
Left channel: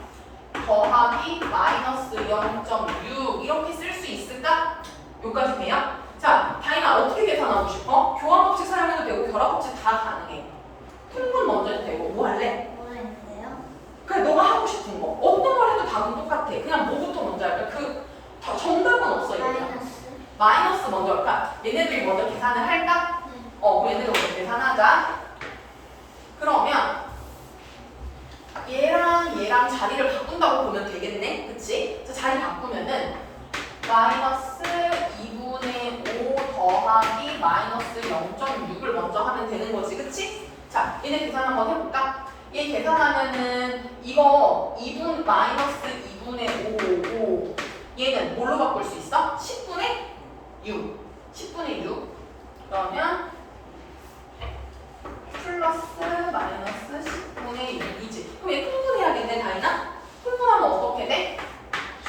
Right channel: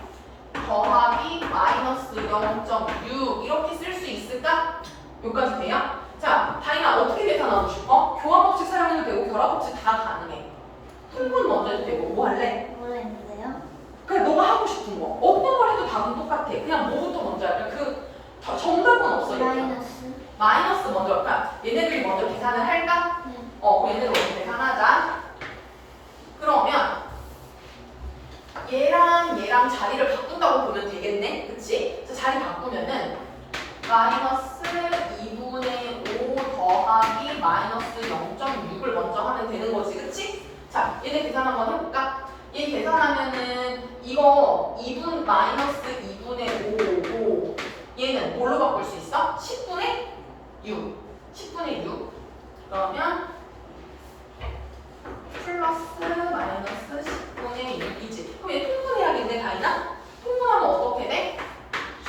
더하기 마이너스 0.6 이렇게 쓸 수 있을까? 여기까지 돼요? 자, 다인아 어떻게 계산하고 싶어? 교환 법칙 사용해도 되고 결합 법칙 다 가능해. 통분 먼저 해도 되고 뭐 할래? 모르겠는데요? 그냥 너가 하고 싶은 거 어떤 걸 해도 답은 똑같아. 그냥 뭐부터 먼저 할까? 정답은 없어. 얘들아. 마이너스. 마이너스 먼저 할까? 얘네들이 먼저 계산을 할까? 네. 얘네들 먼저 계산하자. 그러면 얘랑 자리를 바꾼다고 보면 되겠네? 그치? 자, 자리 바꾸면은 마이너스 2분의 5 더하기 마이너스 0.6을 먼저 하면 되는 거지. 그치? 자, 얘네 계산 한번 해볼까? 얘 계산하면은 이거 마이너스 2분의 5고 얘는 뭘로 바꿀 수 있어? 10분의 6. 10분의 6. 그러면 플러스 마이너스 10분의 6이지. 그럼 얘 통분해야겠네, 다이나? 통분하면 어떻게 돼?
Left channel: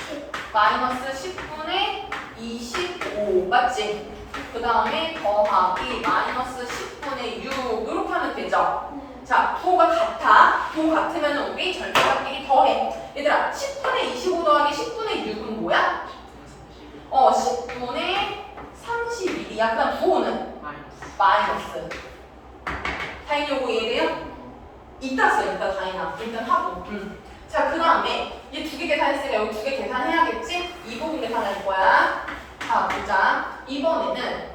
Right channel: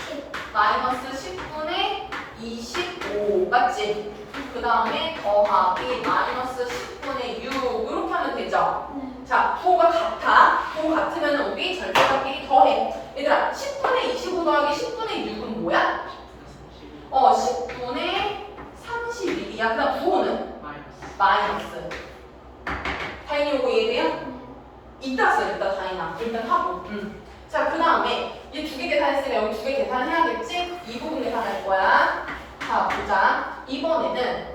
10. 마이너스 10분의 25. 맞지? 그 다음에 더하기 마이너스 10분의 6. 이렇게 하면 되죠? 네. 자, 부호가 같아. 부호 같으면 우리 절대값끼리 더해. 얘들아, 10분의 25 더하기 10분의 6은 뭐야? 10분의 31이야. 그 다음 부호는? 마이너스. 다인이 요거 이해돼요? 이따 써, 이따 다인아. 일단 하고. 자, 그 다음에 얘 두 개 계산했으니까 여기 두 개 계산해야겠지? 이 부분 계산할 거야. 자, 보자. 이번에는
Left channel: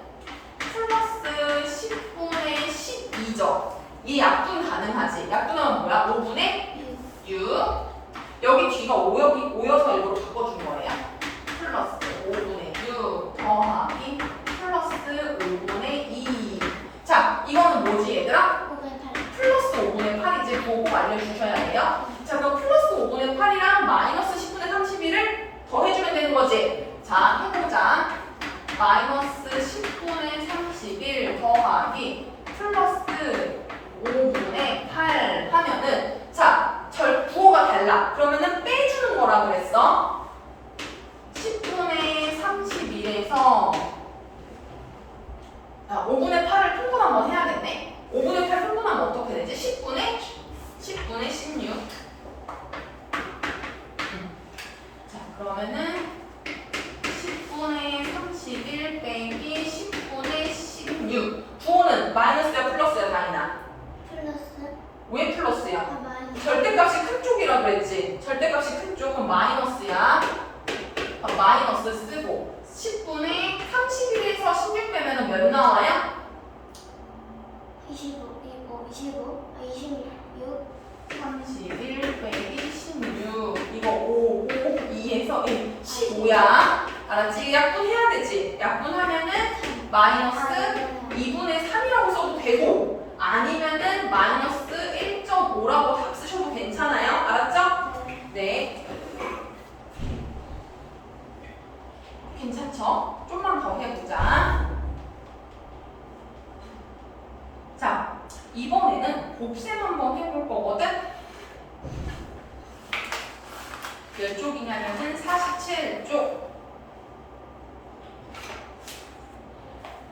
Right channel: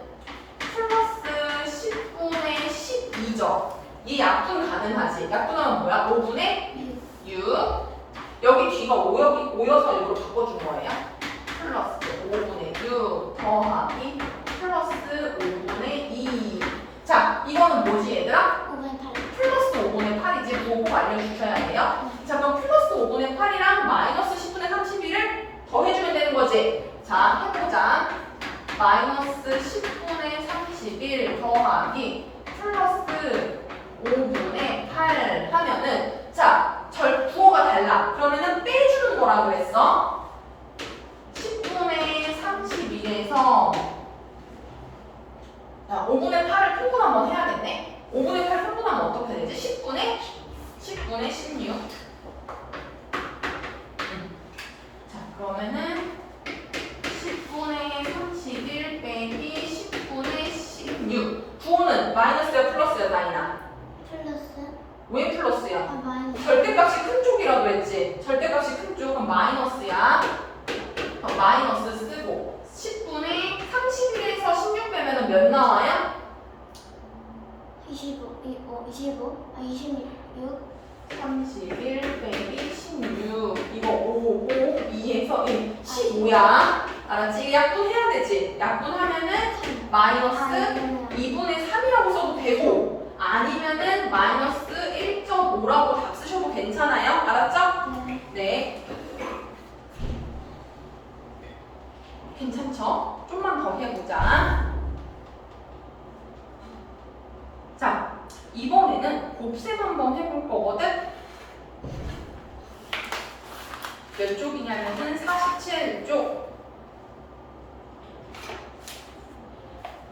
플러스 10분의 12죠. 알았죠? 이 약분 가능하지. 약분하면 뭐야? 5분의 6. 여기 뒤가 오여서 일부러 바꿔준 거예요. 플러스 5분의 6 더하기 플러스 5분의 2. 자, 이거는 뭐지 얘들아? 플러스 5분의 8이지. 보고 알려주셔야 돼요. 자, 그럼 플러스 5분의 8이랑 마이너스 10분의 31을 더해주면 되는 거지. 자, 해보자. 마이너스 10분의 31 더하기 플러스 5분의 8 하면은 자, 부호가 달라. 그러면은 빼주는 거라 그랬어. 10분의 31에서 5분의 8을 평분 한번 해야겠네. 5분의 8 평분하면 어떻게 되지? 10분의 16. 자, 그러면은 10분의 31 빼기 10분의 16. 부호는 마이너스야 플러스야 다이나? 플러스. 왜 플러스야? 마이너스. 절대값이 큰 쪽이라 그랬지. 절대값이 큰 쪽. 그럼 마이너스야. 마이너스 쓰고 10분의 31에서 16 빼면 몇 나와요? 26. 31 빼기 16. 이거 5, 2에서 1. 15야. 알았지? 약분해야 되지. 약분하면은 마이너스 2분의 3이라고 써도 되고 아니면은 마이너스 1.5라고 답 쓰셔도 괜찮아요. 알았죠? 네. 괜찮죠? 좀만 더 해보자. 자, 이번에는 곱셈 한번 해볼 거거든? 몇 쪽이냐면은 47쪽.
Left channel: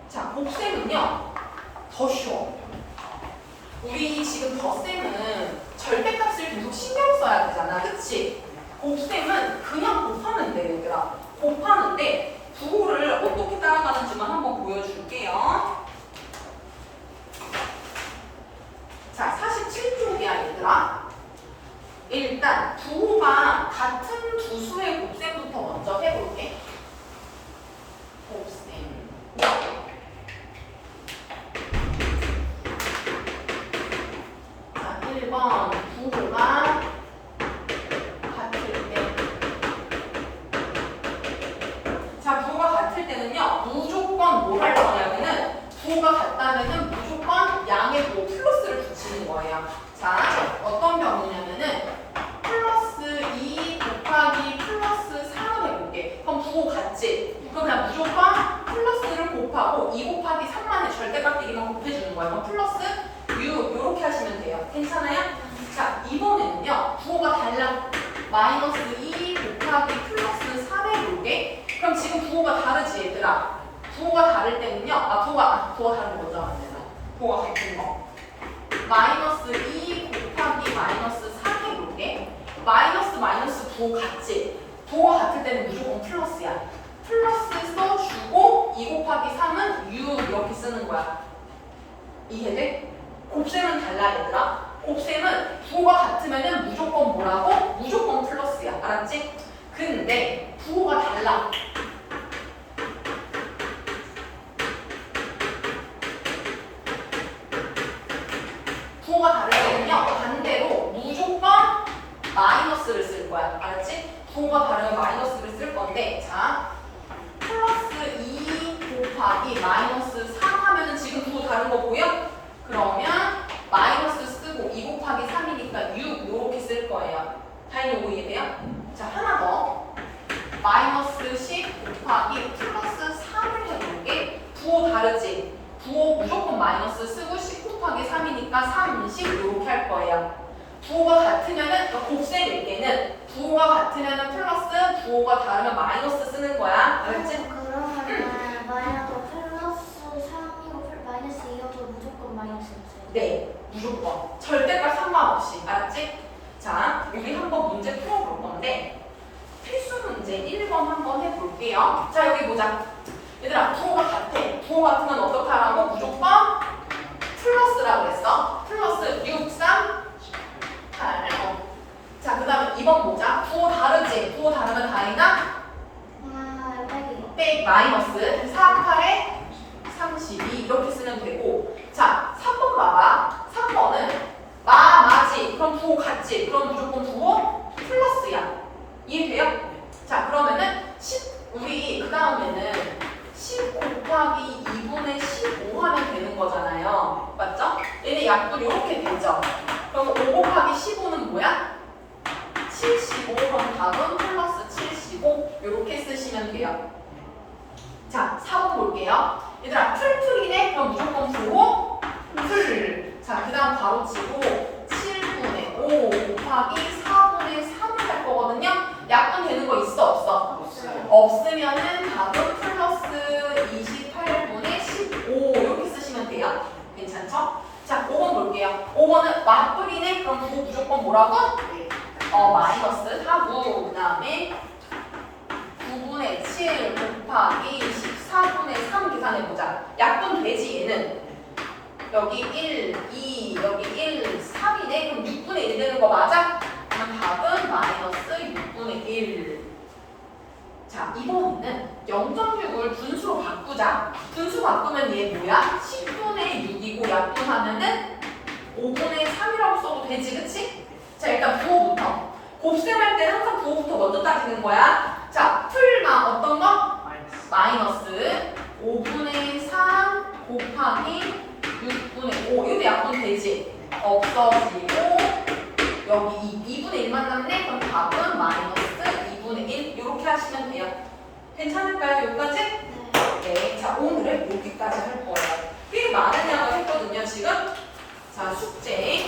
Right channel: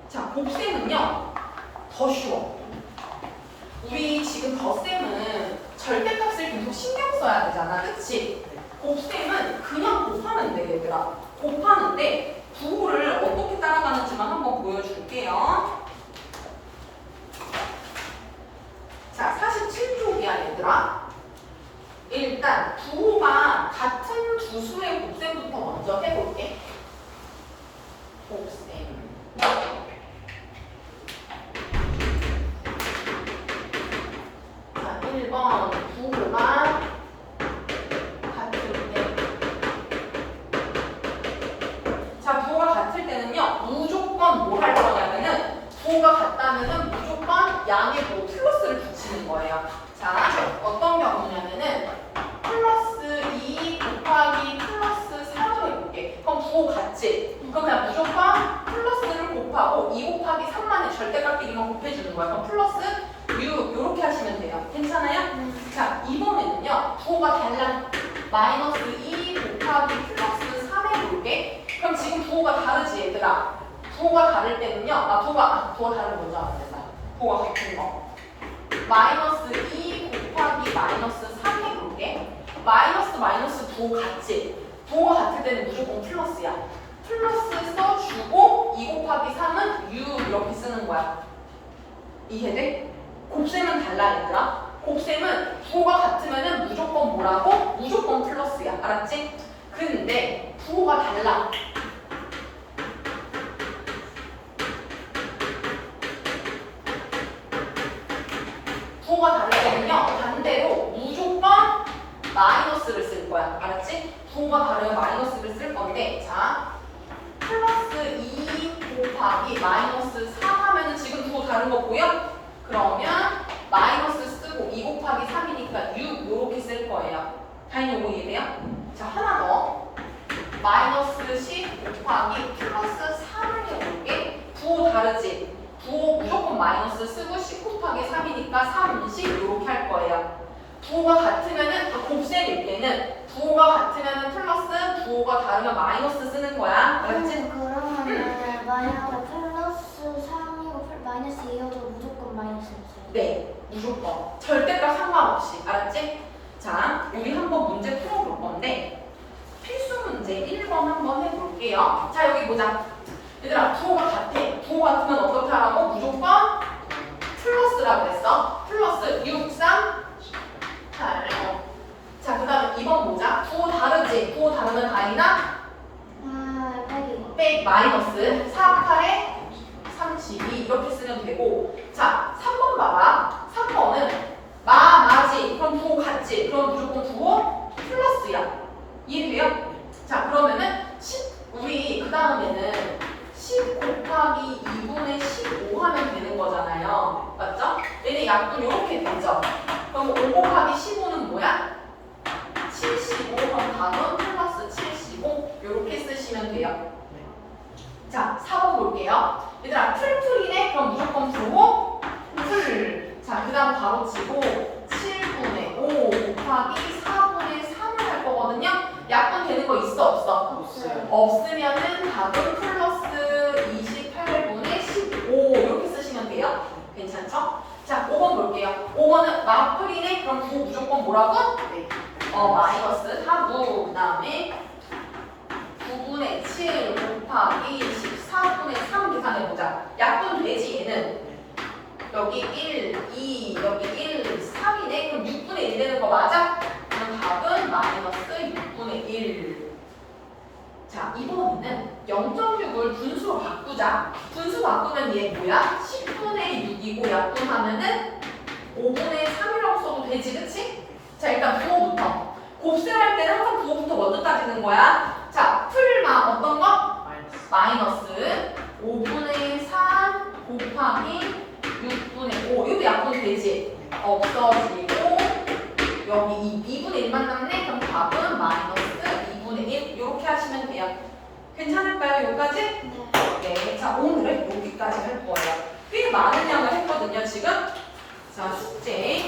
자, 곱셈은요, 더 쉬워. 우리 지금 덧셈은 절대값을 계속 신경 써야 되잖아. 그치? 곱셈은 그냥 곱하면 돼, 얘들아. 곱하는데 부호를 어떻게 따라가는지만 한번 보여줄게요. 자, 47쪽이야, 얘들아. 일단 부호가 같은 두 수의 곱셈부터 먼저 해볼게. 곱셈. 자, 1번 부호가 같을 때. 자, 부호가 같을 때는요, 무조건 뭘 할 거냐면은 부호가 같다면은 무조건 양의 뭐 플러스를 붙이는 거예요. 자, 어떤 경우냐면은 플러스 2 곱하기 플러스 3을 해볼게. 그럼 부호 같지? 그럼 그냥 무조건 플러스를 곱하고 2 곱하기 3만의 절대값 대기만 곱해주는 거야. 그럼 플러스 6 이렇게 하시면 돼요. 괜찮아요? 자, 이번에는요, 부호가 달라. 마이너스 2 곱하기 플러스 3 해볼게. 그럼 지금 부호가 다르지, 얘들아? 부호가 다를 때는요, 부호가 다른 거죠? 안 된다. 부호가 같은 거. 마이너스 2 곱하기 마이너스 3 해볼게. 마이너스 부호 같지? 부호가 같을 때는 무조건 플러스야. 플러스 써주고 2 곱하기 3은 6 이렇게 쓰는 거야. 이해돼? 곱셈은 달라, 얘들아. 곱셈은 부호가 같으면은 무조건 뭐라고? 무조건 플러스야. 알았지? 근데 부호가 달라. 부호가 다를 때는요, 반대로 무조건 마이너스를 쓸 거야. 알았지? 부호가 다르면 마이너스를 쓸 건데, 자, 플러스 2 곱하기 마이너스 3 하면은 지금 부호 다른 거 보여? 그러면 마이너스 쓰고 2 곱하기 3이니까 6 이렇게 쓸 거예요. 다행히 이거 이해돼요? 자, 하나 더. 마이너스 10 곱하기 플러스 3을 해볼게. 부호 다르지? 부호 무조건 마이너스 쓰고 10 곱하기 3이니까 30 이렇게 할 거예요. 부호가 같으면은, 곱셈일 때는 부호가 같으면은 플러스, 부호가 다르면 마이너스 쓰는 거야. 알았지? 그러면 마이너스 플러스 3이고 마이너스 2여도 무조건 마이너스 있어요. 네, 무조건. 절대값 상관없이. 알았지? 자, 우리 한번 문제 풀어볼 건데 필수 문제 1번 한번 해볼게요. 자, 여기 보자. 얘들아, 부호가 같아. 부호 같으면 어떻게 하라고? 무조건 플러스라고 했어. 플러스 6, 3, 8. 자, 그 다음에 2번 보자. 부호 다르지? 부호 다르면 다이나? 빼기 마이너스 4, 8에 32 이렇게 쓰면 되고. 자, 3번 봐봐. 약분 이렇게 되죠. 그럼 5 곱하기 15는 뭐야? 75. 그럼 답은 플러스 75 이렇게 쓰시면 돼요. 자, 4번 볼게요. 얘들아, 풀풀이네? 그럼 무조건 풀고 풀. 자, 그 다음 바로 치고 7분의 5 곱하기 4분의 3을 할 거거든요. 약분 되는 거 있어 없어? 없어요. 없으면은 답은 플러스 28분의 15 이렇게 쓰시면 돼요. 괜찮죠? 자, 5번 볼게요. 5번은 맞불이네? 그럼 9 무조건 뭐라고? 마이너스 4구. 그 다음에 9분의 7 곱하기 14분의 3 계산해보자. 약분 되지 얘는. 여기 1, 2, 여기 1, 3이네? 그럼 6분의 1 되는 거 맞아? 그럼 답은 마이너스 6분의 1. 자, 이번에는 0.6을 분수로 바꾸자. 분수 바꾸면 얘 뭐야? 10분의 6이고 약분하면은 5분의 3이라고 써도 되지, 그치? 자, 일단 부호부터. 곱셈할 때는 항상 부호부터 먼저 따지는 거야. 자, 풀마 어떤 거? 마이너스 5분의 3 곱하기 6분의 5. 이것도 약분 되지? 없어지고 여기 2분의 1만 남네? 그럼 답은 마이너스 2분의 1 이렇게 하시면 돼요. 괜찮을까요? 여기까지? 네. 자, 오늘은 여기까지 할 거예요. 꽤 많은 양을 했거든요, 지금. 자, 숙제